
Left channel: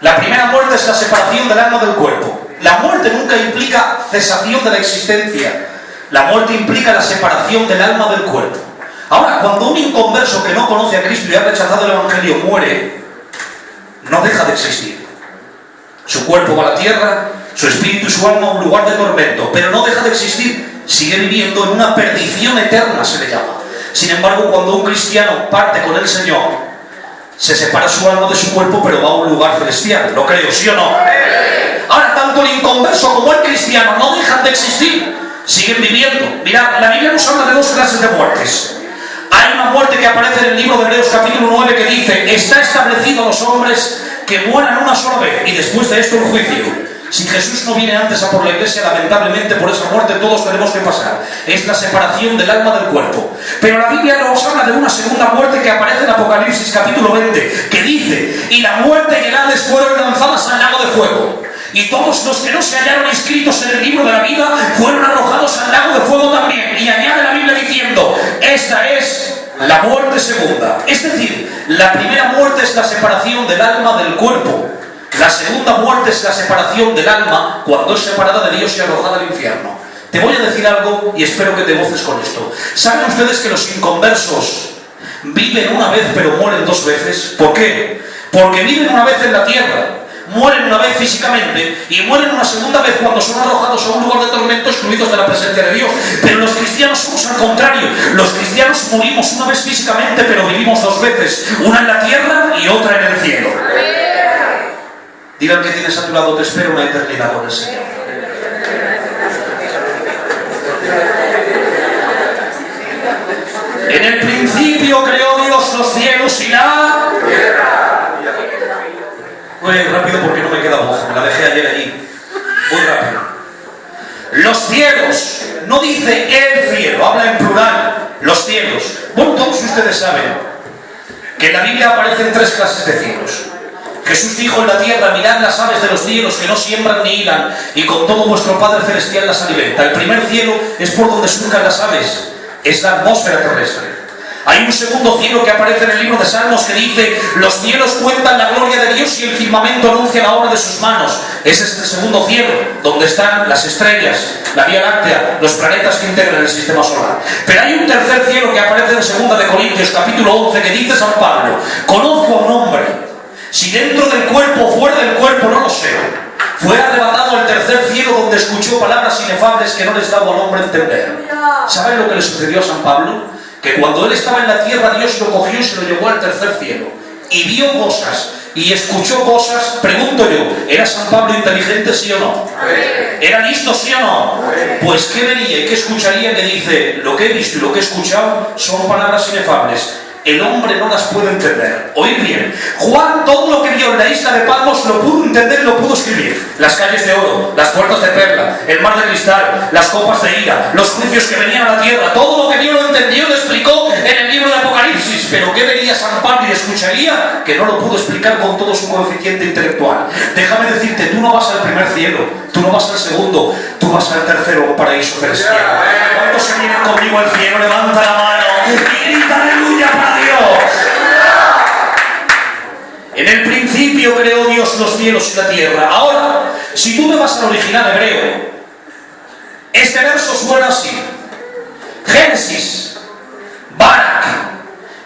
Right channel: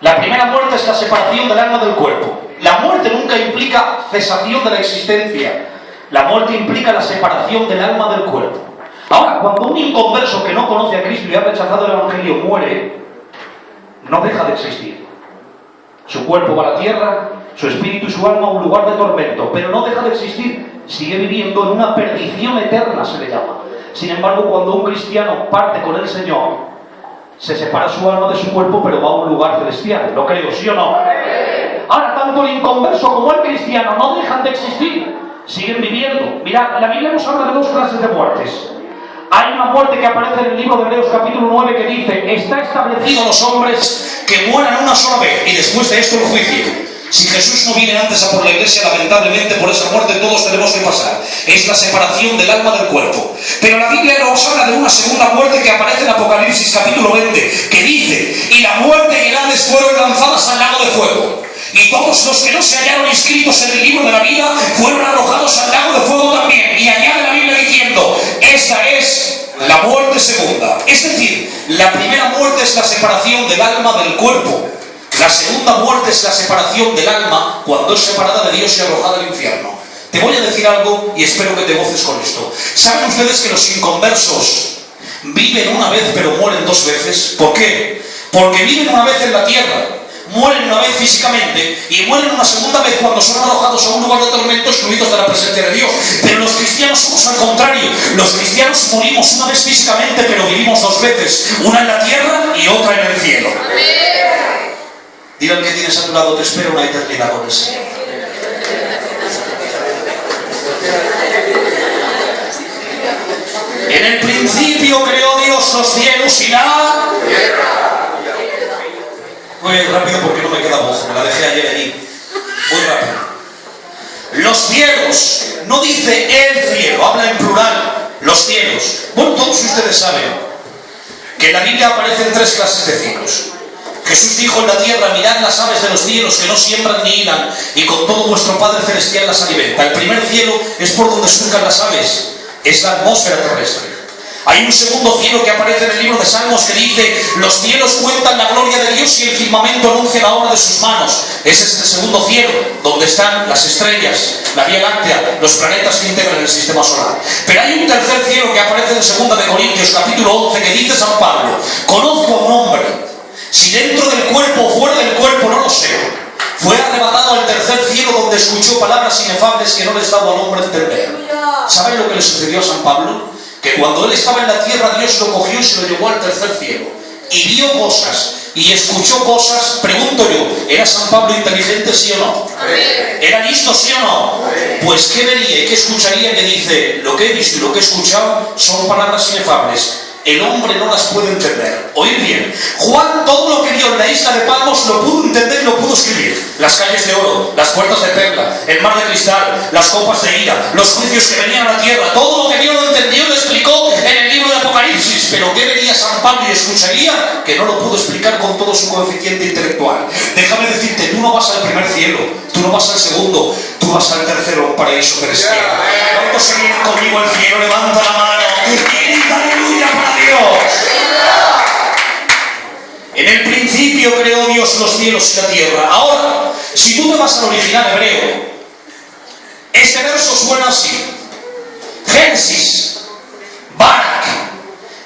la primera muerte es la separación del alma del cuerpo. La muerte nunca implica cesación de la existencia. La muerte implica la separación del alma del cuerpo. Ahora, cuando un inconverso que no conoce a Cristo y ha rechazado el Evangelio muere, no deja de existir. Su cuerpo va a la tierra, su espíritu y su alma a un lugar de tormento, pero no deja de existir. Sigue viviendo en una perdición eterna, se le llama. Sin embargo, cuando un cristiano parte con el Señor, se separa su alma de su cuerpo, pero va a un lugar celestial. ¿Lo creo, sí o no? Ahora, tanto el inconverso como el cristiano no dejan de existir. Siguen viviendo. Mirad, la Biblia nos habla de dos clases de muertes. Hay una muerte que aparece en el libro de Hebreos capítulo 9 que dice, está establecido a los hombres que mueran una sola vez y después de esto el juicio. Si Jesús no viene antes a por la iglesia, lamentablemente por esa muerte todos tenemos que pasar. Es la separación del alma del cuerpo. Pero la Biblia nos habla de una segunda muerte que aparece en Apocalipsis capítulo 20, que dice, y la muerte y el Hades fueron lanzadas al lago de fuego. Y todos los que no se hallaron inscritos en el libro de la vida fueron arrojados al lago de fuego también. Y añade la Biblia diciendo, esta es la muerte segunda. Es decir, la primera muerte es la separación del alma del cuerpo. La segunda muerte es la separación del alma cuando es separada de Dios y arrojada al infierno. Te voy a decir algo y espero que te goces con esto. ¿Saben ustedes que los inconversos viven una vez pero mueren dos veces? ¿Por qué? Porque viven una vez en la tierra, mueren una vez físicamente y mueren una segunda vez cuando son arrojados a un lugar de tormento, excluidos de la presencia de Dios. Pero los cristianos somos al contrario. Los cristianos morimos una vez físicamente pero vivimos dos veces, una en la tierra y otra en el cielo. Dile al que tienes a tu lado, te espero una eternidad con el Señor. En el principio creó Dios los cielos y la tierra. Voy rápido porque no me queda voz, me la dejé ayer allí. Muy rápido. Los cielos, no dice el cielo, habla en plural, los cielos. Bueno, todos ustedes saben que en la Biblia aparecen tres clases de cielos. Jesús dijo en la tierra, mirad las aves de los cielos que no siembran ni hilan, y con todo vuestro Padre Celestial las alimenta. El primer cielo es por donde surcan las aves, es la atmósfera terrestre. Hay un segundo cielo que aparece en el libro de Salmos que dice, los cielos cuentan la gloria de Dios y el firmamento anuncia la obra de sus manos. Ese es el segundo cielo, donde están las estrellas, la Vía Láctea, los planetas que integran el sistema solar. Pero hay un tercer cielo que aparece en 2 de Corintios, capítulo 11, que dice San Pablo, conozco a un hombre, si dentro del cuerpo o fuera del cuerpo no lo sé, fue arrebatado al tercer cielo donde escuchó palabras inefables que no les daba al hombre entender. ¿Saben lo que le sucedió a San Pablo? Que cuando él estaba en la tierra, Dios lo cogió y se lo llevó al tercer cielo. Y vio cosas, y escuchó cosas. Pregunto yo, ¿era San Pablo inteligente, sí o no? ¿Era listo, sí o no? Pues ¿qué vería y qué escucharía? Que dice, lo que he visto y lo que he escuchado son palabras inefables. El hombre no las puede entender. Oíd bien, Juan todo lo que vio en la isla de Patmos lo pudo entender, lo pudo escribir. Las calles de oro, las puertas de perla, el mar de cristal, las copas de ira, los juicios que venían a la tierra, todo lo que vio lo entendió, lo explicó en el libro de Apocalipsis. Pero ¿qué vería San Pablo y escucharía? Que no lo pudo explicar con todo su coeficiente intelectual. Déjame decirte, tú no vas al primer cielo, tú no vas al segundo, tú vas al tercero, un paraíso celestial. ¿Cuántos se vienen conmigo al cielo? Levanta la mano y grita aleluya para Dios. En el principio creó Dios los cielos y la tierra. Ahora, si tú te vas al original hebreo, este verso suena así: Génesis, Barak,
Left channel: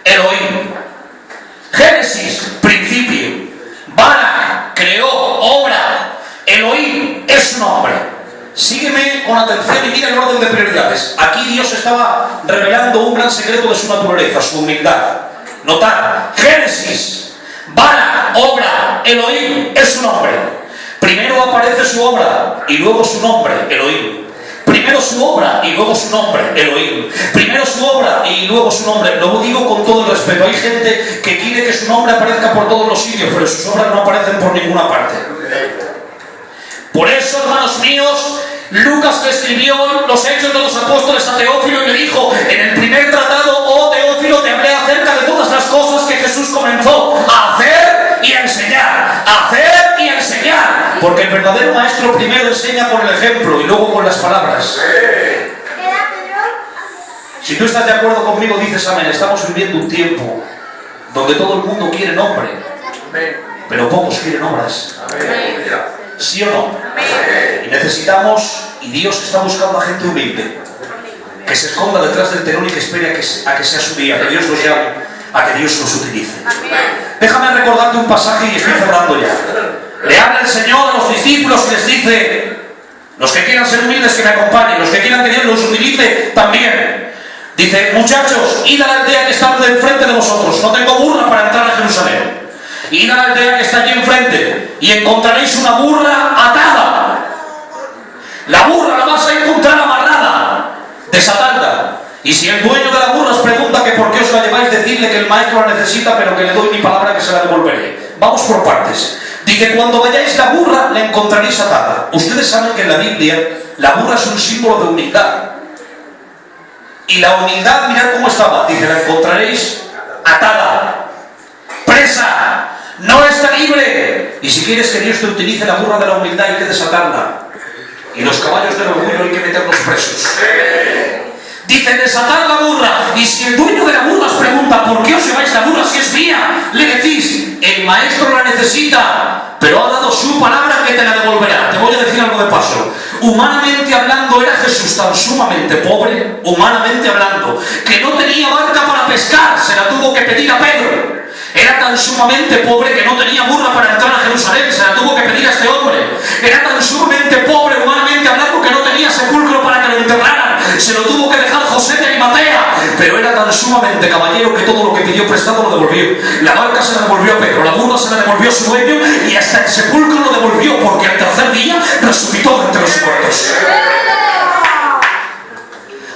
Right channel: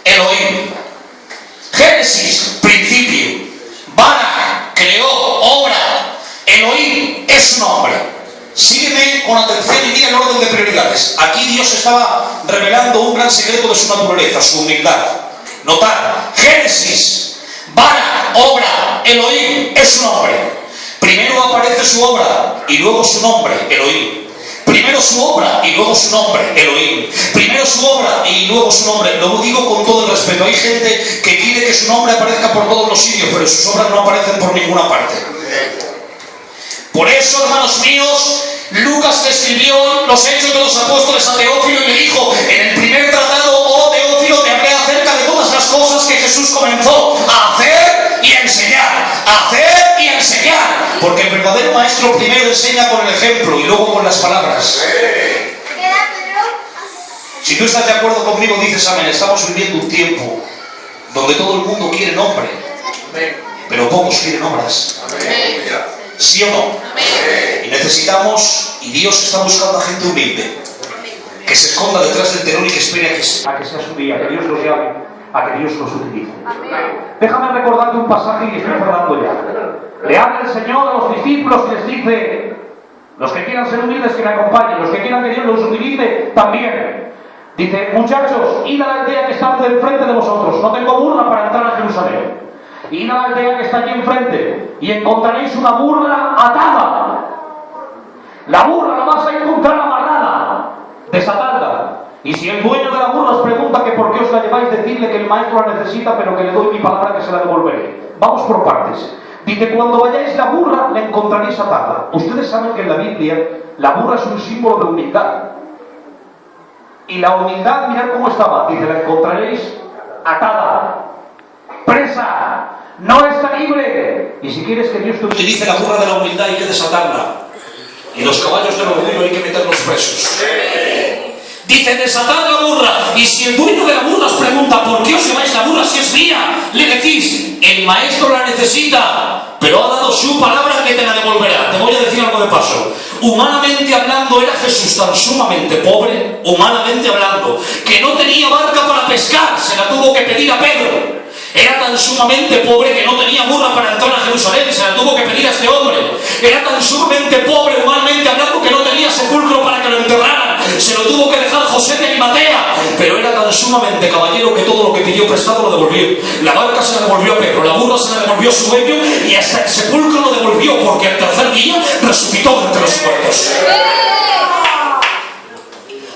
Elohim. Génesis, principio. Barak, creó, obra. Elohim es su nombre. Sígueme con atención y mira el orden de prioridades. Aquí Dios estaba revelando un gran secreto de su naturaleza, su humildad. Notad, Génesis, Barak, obra, Elohim es su nombre. Primero aparece su obra y luego su nombre, Elohim. Primero su obra y luego su nombre, Elohim. Primero su obra y luego su nombre. Lo digo con todo el respeto. Hay gente que quiere que su nombre aparezca por todos los sitios, pero sus obras no aparecen por ninguna parte. Por eso, hermanos míos, Lucas le escribió los Hechos de los Apóstoles a Teófilo y le dijo, en el primer tratado, oh Teófilo, te hablé acerca de todas las cosas que Jesús comenzó a hacer y a enseñar. Hacer y a enseñar. Porque el verdadero maestro primero enseña con el ejemplo y luego con las palabras. Si tú estás de acuerdo conmigo, dices amén. Estamos viviendo un tiempo donde todo el mundo quiere nombre, pero pocos quieren obras. ¿Sí o no? Y necesitamos, y Dios está buscando a gente humilde, que se esconda detrás del telón y que espere a que sea su día, a que Dios los llame, a que Dios los utilice. Déjame recordarte un pasaje y estoy cerrando ya. Le habla el Señor a los discípulos y les dice, los que quieran ser humildes que me acompañen, los que quieran que Dios los utilice también. Dice, muchachos, id a la aldea que está enfrente de vosotros, no tengo burra para entrar a Jerusalén. Id a la aldea que está allí enfrente y encontraréis una burra atada. La burra la vas a encontrar amarrada, desatadla. Y si el dueño de la burra os pregunta que por qué os la lleváis, decidle que el maestro la necesita, pero que le doy mi palabra que se la devolveré. Vamos por partes. Dice, cuando vayáis la burra, la encontraréis atada. Ustedes saben que en la Biblia la burra es un símbolo de humildad. Y la humildad, mirad cómo estaba. Dice, la encontraréis atada, presa, no está libre. Y si quieres que Dios te utilice la burra de la humildad, hay que desatarla. Y los caballos del orgullo hay que meterlos presos. Dice, desatad la burra. Y si el dueño de la burra os pregunta, ¿por qué os lleváis la burra si es mía? Le decís, el maestro la necesita. necesita, pero ha dado su palabra que te la devolverá. Te voy a decir algo de paso. Humanamente hablando, era Jesús tan sumamente pobre, humanamente hablando, que no tenía barca para pescar, se la tuvo que pedir a Pedro. Era tan sumamente pobre que no tenía burra para entrar a Jerusalén, se la tuvo que pedir a este hombre. Era tan sumamente pobre, humanamente hablando, que no tenía sepulcro para que lo enterraran, se lo tuvo que dejar José de Arimatea. Pero era tan sumamente caballero que todo lo que pidió prestado lo devolvió. La barca se la devolvió a Pedro, la burra se la devolvió a su dueño, y hasta el sepulcro lo devolvió, porque al tercer día resucitó de entre los muertos.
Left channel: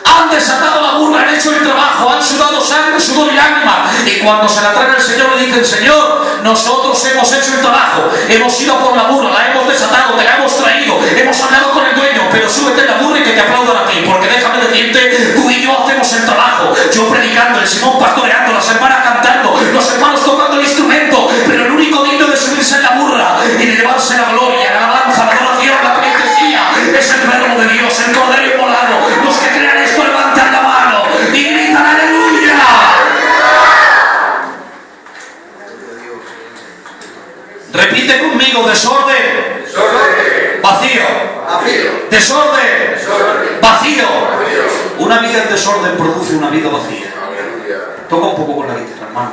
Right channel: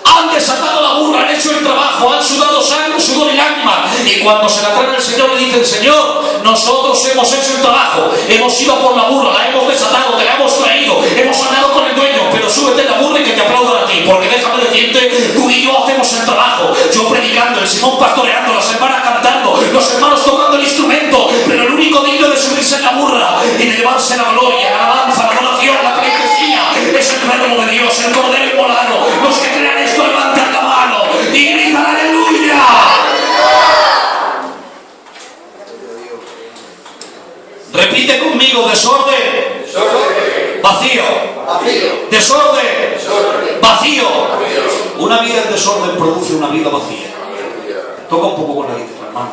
Han desatado la burra, han hecho el trabajo, han sudado sangre, sudor y lágrima, y cuando se la traen al Señor le dicen: Señor, nosotros hemos hecho el trabajo, hemos ido por la burra, la hemos desatado, te la hemos traído, hemos hablado con el dueño, pero súbete en la burra y que te aplaudan a ti, porque déjame decirte, tú y yo hacemos el trabajo, yo predicando, el Simón pastoreando, las hermanas cantando, los hermanos tocando el instrumento, pero el único digno de subirse en la burra y de llevarse la gloria, la alabanza, la adoración, la pleitesía, es el verbo de Dios, el cordero inmolado. Los que crean esto, levantan la mano y gritan aleluya. Repite conmigo: desorden, vacío, desorden, vacío. Una vida en desorden produce una vida vacía. Toca un poco con la guitarra, hermano.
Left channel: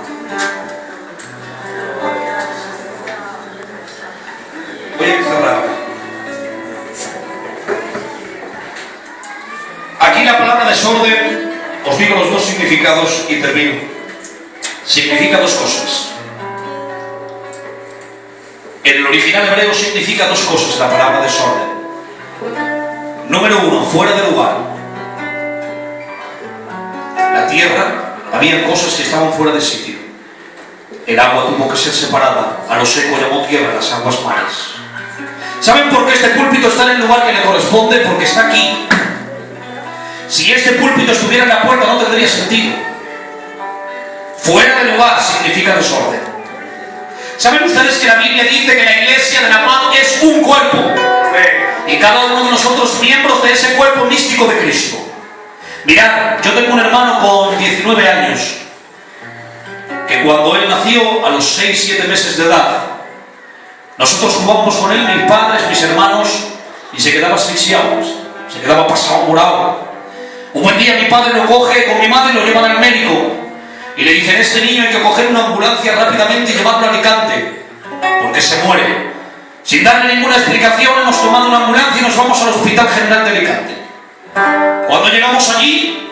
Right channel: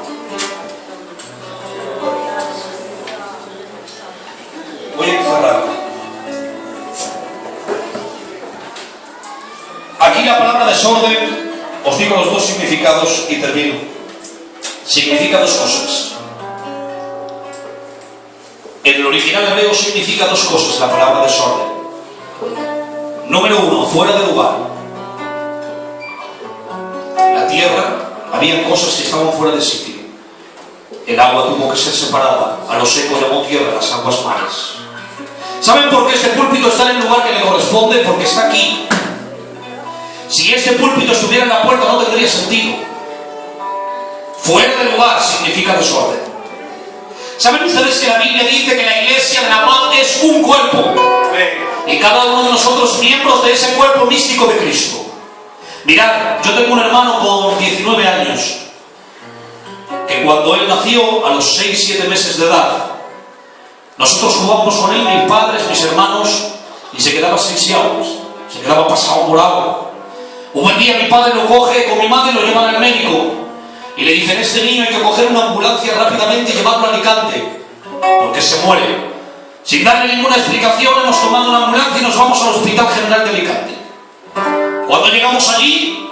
Voy a cerrar. Aquí la palabra desorden, os digo los dos significados y termino. Significa dos cosas. En el original hebreo significa dos cosas la palabra desorden. Número uno, fuera de lugar. La tierra, había cosas que estaban fuera de sitio. El agua tuvo que ser separada, a lo seco llamó tierra, las aguas mares. ¿Saben por qué este púlpito está en el lugar que le corresponde? Porque está aquí. Si este púlpito estuviera en la puerta no tendría sentido. Fuera de lugar significa desorden. ¿Saben ustedes que la Biblia dice que la iglesia de la paz es un cuerpo? Y cada uno de nosotros miembros de ese cuerpo místico de Cristo. Mirad, yo tengo un hermano con 19 años que cuando él nació, a los 6-7 meses de edad, nosotros jugábamos con él, mis padres, mis hermanos, y se quedaba asfixiado, se quedaba pasado morado. Un buen día mi padre lo coge con mi madre y lo llevan al médico y le dicen: este niño hay que coger una ambulancia rápidamente y llevarlo a Alicante porque se muere. Sin darle ninguna explicación hemos tomado una ambulancia y nos vamos al Hospital General de Alicante. Cuando llegamos allí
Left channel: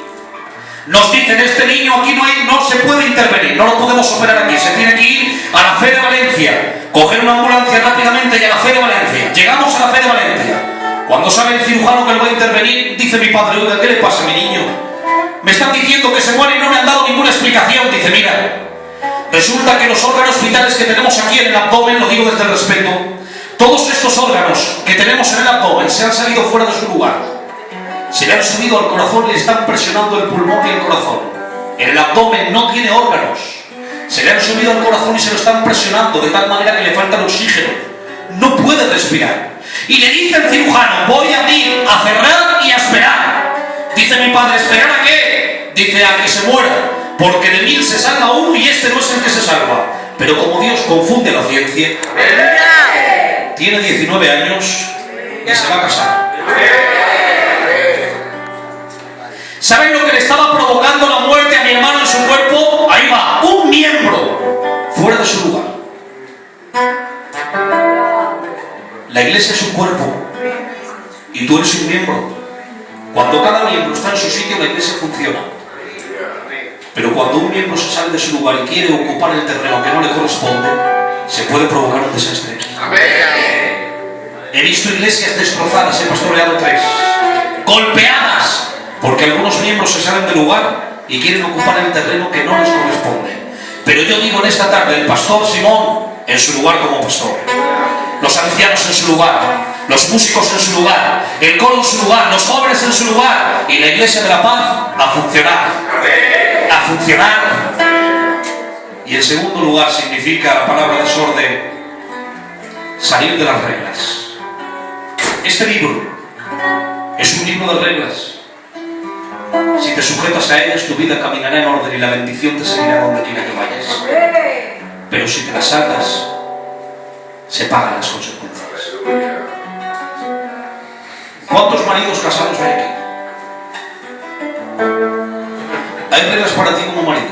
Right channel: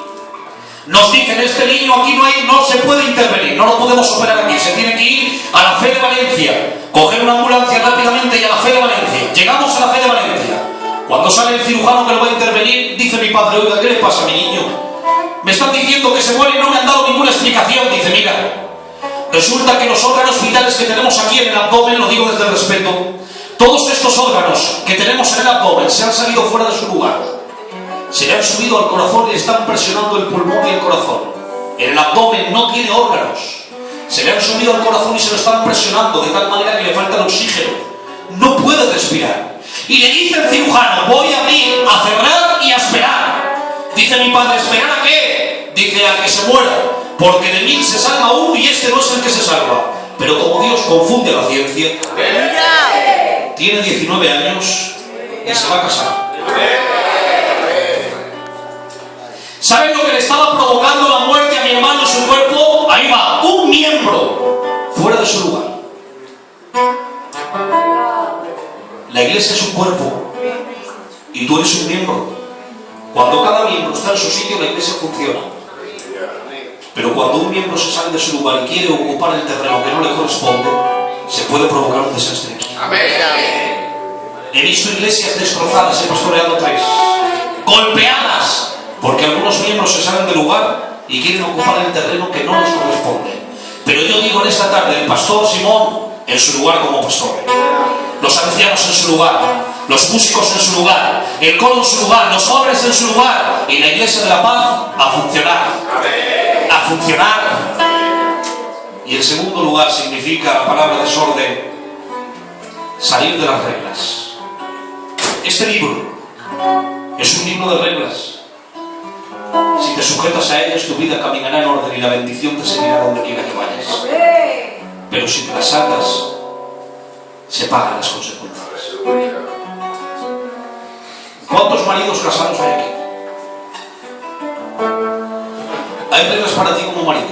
nos dicen: este niño aquí no se puede intervenir, no lo podemos operar aquí, se tiene que ir a la Fe de Valencia, coger una ambulancia rápidamente y a la Fe de Valencia. Llegamos a la Fe de Valencia. Cuando sale el cirujano que lo va a intervenir, dice mi padre: oiga, ¿qué le pasa a mi niño? Me están diciendo que se muere y no me han dado ninguna explicación. Dice: mira, resulta que los órganos vitales que tenemos aquí en el abdomen, lo digo desde el respeto, todos estos órganos que tenemos en el abdomen se han salido fuera de su lugar. Se le han subido al corazón y le están presionando el pulmón y el corazón. El abdomen no tiene órganos. Se le han subido al corazón y se lo están presionando de tal manera que le falta el oxígeno. No puede respirar. Y le dice el cirujano: voy a abrir, a cerrar y a esperar. Dice mi padre: ¿esperar a qué? Dice: a que se muera, porque de 1000 se salva uno y este no es el que se salva. Pero como Dios confunde la ciencia, tiene 19 años y se va a casar. ¿Saben lo que le estaba provocando la muerte a mi hermano en su cuerpo? Ahí va, un miembro fuera de su lugar. La iglesia es un cuerpo y tú eres un miembro. Cuando cada miembro está en su sitio, la iglesia funciona. Pero cuando un miembro se sale de su lugar y quiere ocupar el terreno que no le corresponde, se puede provocar un desastre aquí. He visto iglesias destrozadas, he pastoreado 3, golpeadas, porque algunos miembros se salen del lugar y quieren ocupar el terreno que no les corresponde. Pero yo digo en esta tarde: el pastor Simón en su lugar como pastor, los ancianos en su lugar, los músicos en su lugar, el coro en su lugar, los jóvenes en su lugar, y la iglesia de la paz a funcionar. A funcionar. Y en segundo lugar significa la palabra desorden, salir de las reglas. Este libro es un libro de reglas. Si te sujetas a ellas, tu vida caminará en orden y la bendición te seguirá donde quiera que vayas. Pero si te las saltas, se pagan las consecuencias. ¿Cuántos maridos casados hay aquí? Hay reglas para ti como marido.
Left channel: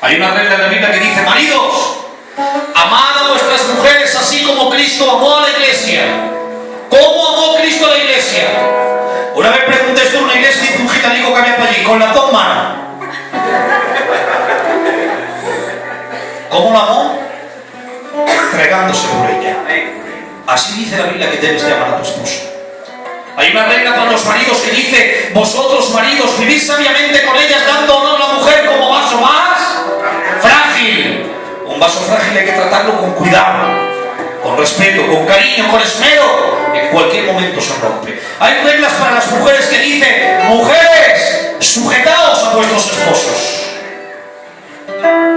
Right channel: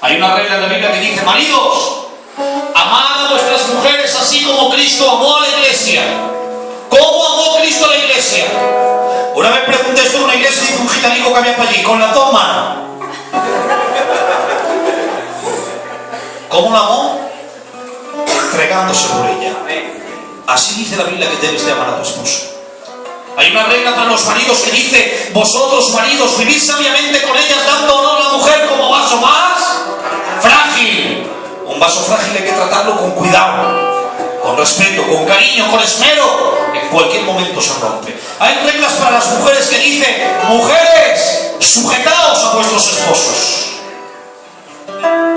Hay una regla en la Biblia que dice: maridos, amad a vuestras mujeres así como Cristo amó a la iglesia. ¿Cómo amó Cristo a la iglesia? Una vez pregunté esto en una iglesia y dice un gitanico que había para allí: con la toma. ¿Cómo la amó? Entregándose por ella. Así dice la Biblia que debes de amar a tu esposo. Hay una regla para los maridos que dice: vosotros maridos, vivid sabiamente con ellas, dando honor a la mujer como vaso más frágil. Un vaso frágil hay que tratarlo con cuidado, con respeto, con cariño, con esmero. En cualquier momento se rompe. Hay reglas para las mujeres que dicen: mujeres, sujetaos a vuestros esposos.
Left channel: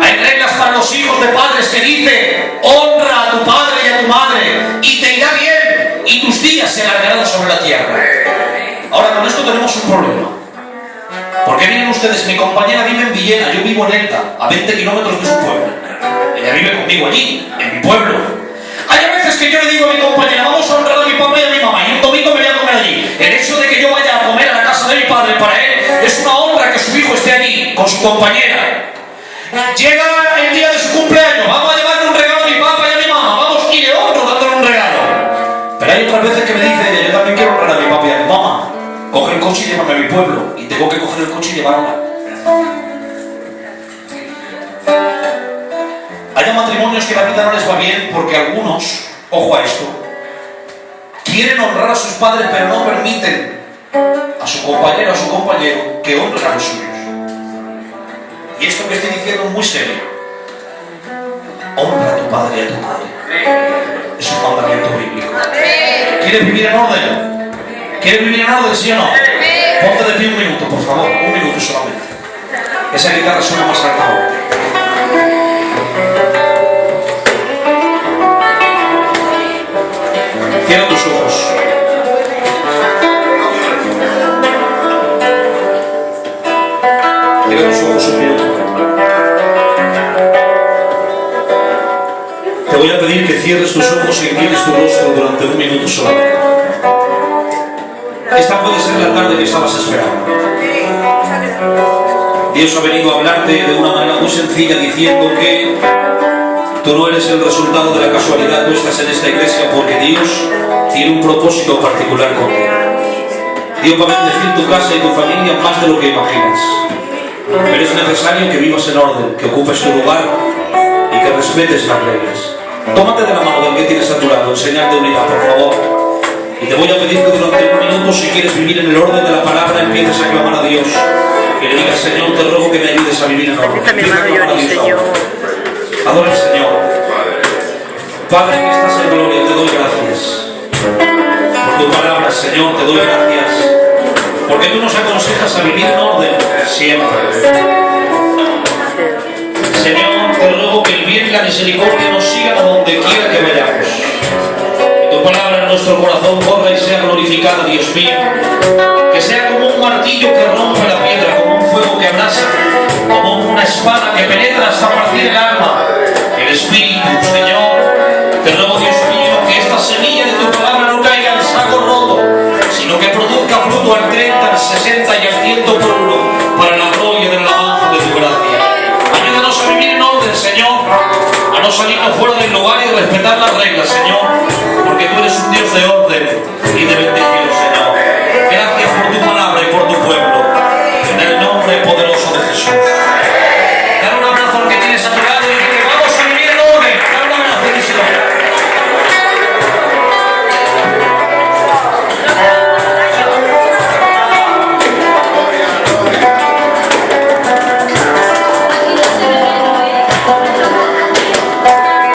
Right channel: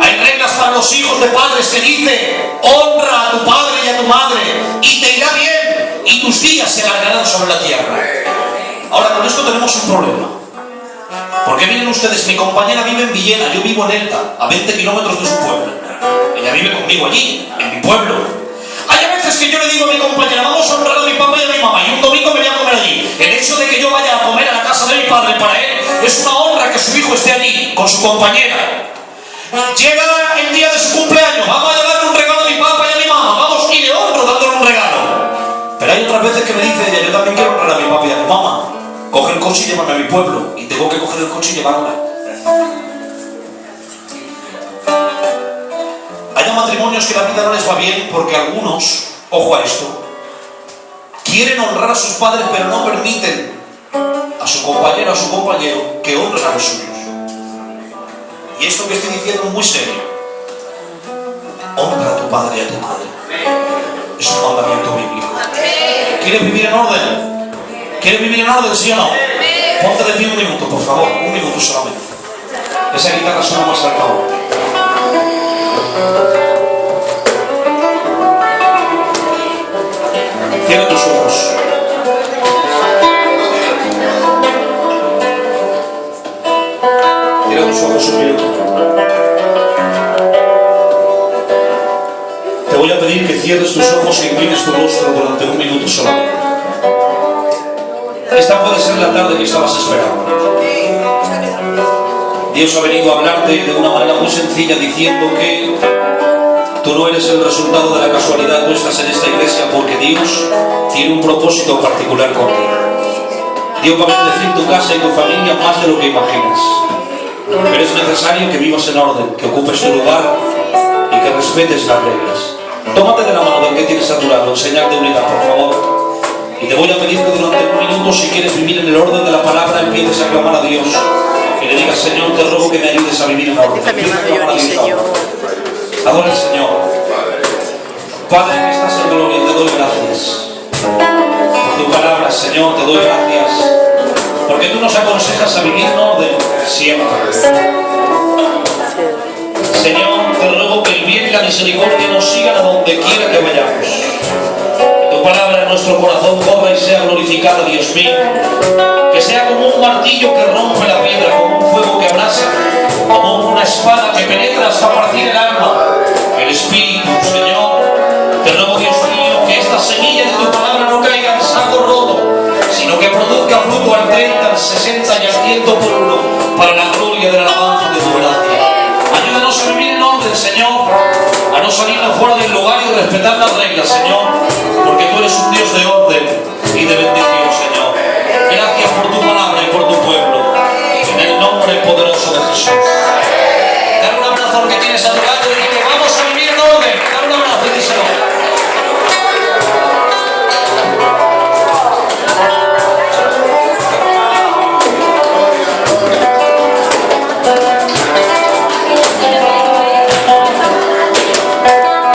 Hay reglas para los hijos de padres que dicen: honra a tu padre y a tu madre y te irá bien y tus días se alargarán sobre la tierra. Ahora, con esto tenemos un problema. ¿Por qué vienen ustedes? Mi compañera vive en Villena, yo vivo en Elda, a 20 kilómetros de su pueblo. Ella vive conmigo allí, en mi pueblo. Hay veces que yo le digo a mi compañera: vamos a honrar a mi papá y a mi mamá, y un domingo me voy a comer allí. El hecho de que yo vaya a comer a la casa de mi padre, para él es una honra que su hijo esté allí con su compañera. Llega el día de su cumpleaños: vamos a llevarle un regalo a mi papá y a mi mamá, vamos, y le honro dándole un regalo. Pero hay otras veces que me dice ella: yo también quiero honrar a mi papá y a mi mamá. Coge el coche y llévame a mi pueblo, y tengo que coger el coche y llevarla. Hay matrimonios que la vida no les va bien porque algunos, ojo a esto, quieren honrar a sus padres pero no permiten a su compañero o a su compañero que honren a los suyos. Y esto que estoy diciendo es muy serio. Honra a tu padre y a tu madre. Es un mandamiento bíblico. ¿Quieres vivir en orden? ¿Quieres vivir en orden, sí o no? Ponte de pie un minuto, por favor. Un minuto solamente. Esa guitarra suena más alta. Cierra tus ojos. Cierra tus ojos un minuto. Te voy a pedir que cierres tus ojos e inclines tu rostro durante un minuto solamente. Esta puede ser la tarde que estabas esperando. Dios ha venido a hablarte de una manera muy sencilla, diciendo que tú no eres el resultado de la casualidad. Tú estás en esta iglesia porque Dios tiene un propósito particular contigo. Dios va a bendecir tu casa y tu familia más de lo que imaginas. Pero es necesario que vivas en orden, que ocupes tu lugar y que respetes las reglas. Tómate de la mano del que tienes a tu lado, en señal de unidad, por favor. Y te voy a pedir que durante un minuto, si quieres vivir en el orden de la palabra, empieces a clamar a Dios. Y le digas: Señor, te ruego que me ayudes a vivir en orden. Está mi hermano Johnny, Señor. Adora al Señor. Padre que estás en gloria, te doy gracias por tu palabra, Señor. Te doy gracias porque tú nos aconsejas a vivir en orden siempre. Señor, te ruego que el bien y la misericordia nos sigan a donde quiera que vayamos. Que tu palabra en nuestro corazón corra y sea glorificada, Dios mío. Que sea como un martillo que rompe la piedra, como un fuego que abrasa, como una espada que penetra hasta partir el alma, el espíritu, Señor. Te ruego, Dios mío, que esta semilla de tu palabra no caiga en saco roto, sino que produzca fruto al 30, al 60 y al 100 por uno, para la gloria de la alabanza de tu gracia. Ayúdanos a vivir en orden, Señor, a no salirnos fuera del lugar y respetar las reglas, Señor, porque tú eres un Dios de orden y de bendición, Señor. Gracias por tu palabra y por tu pueblo, en el nombre poderoso de Jesús.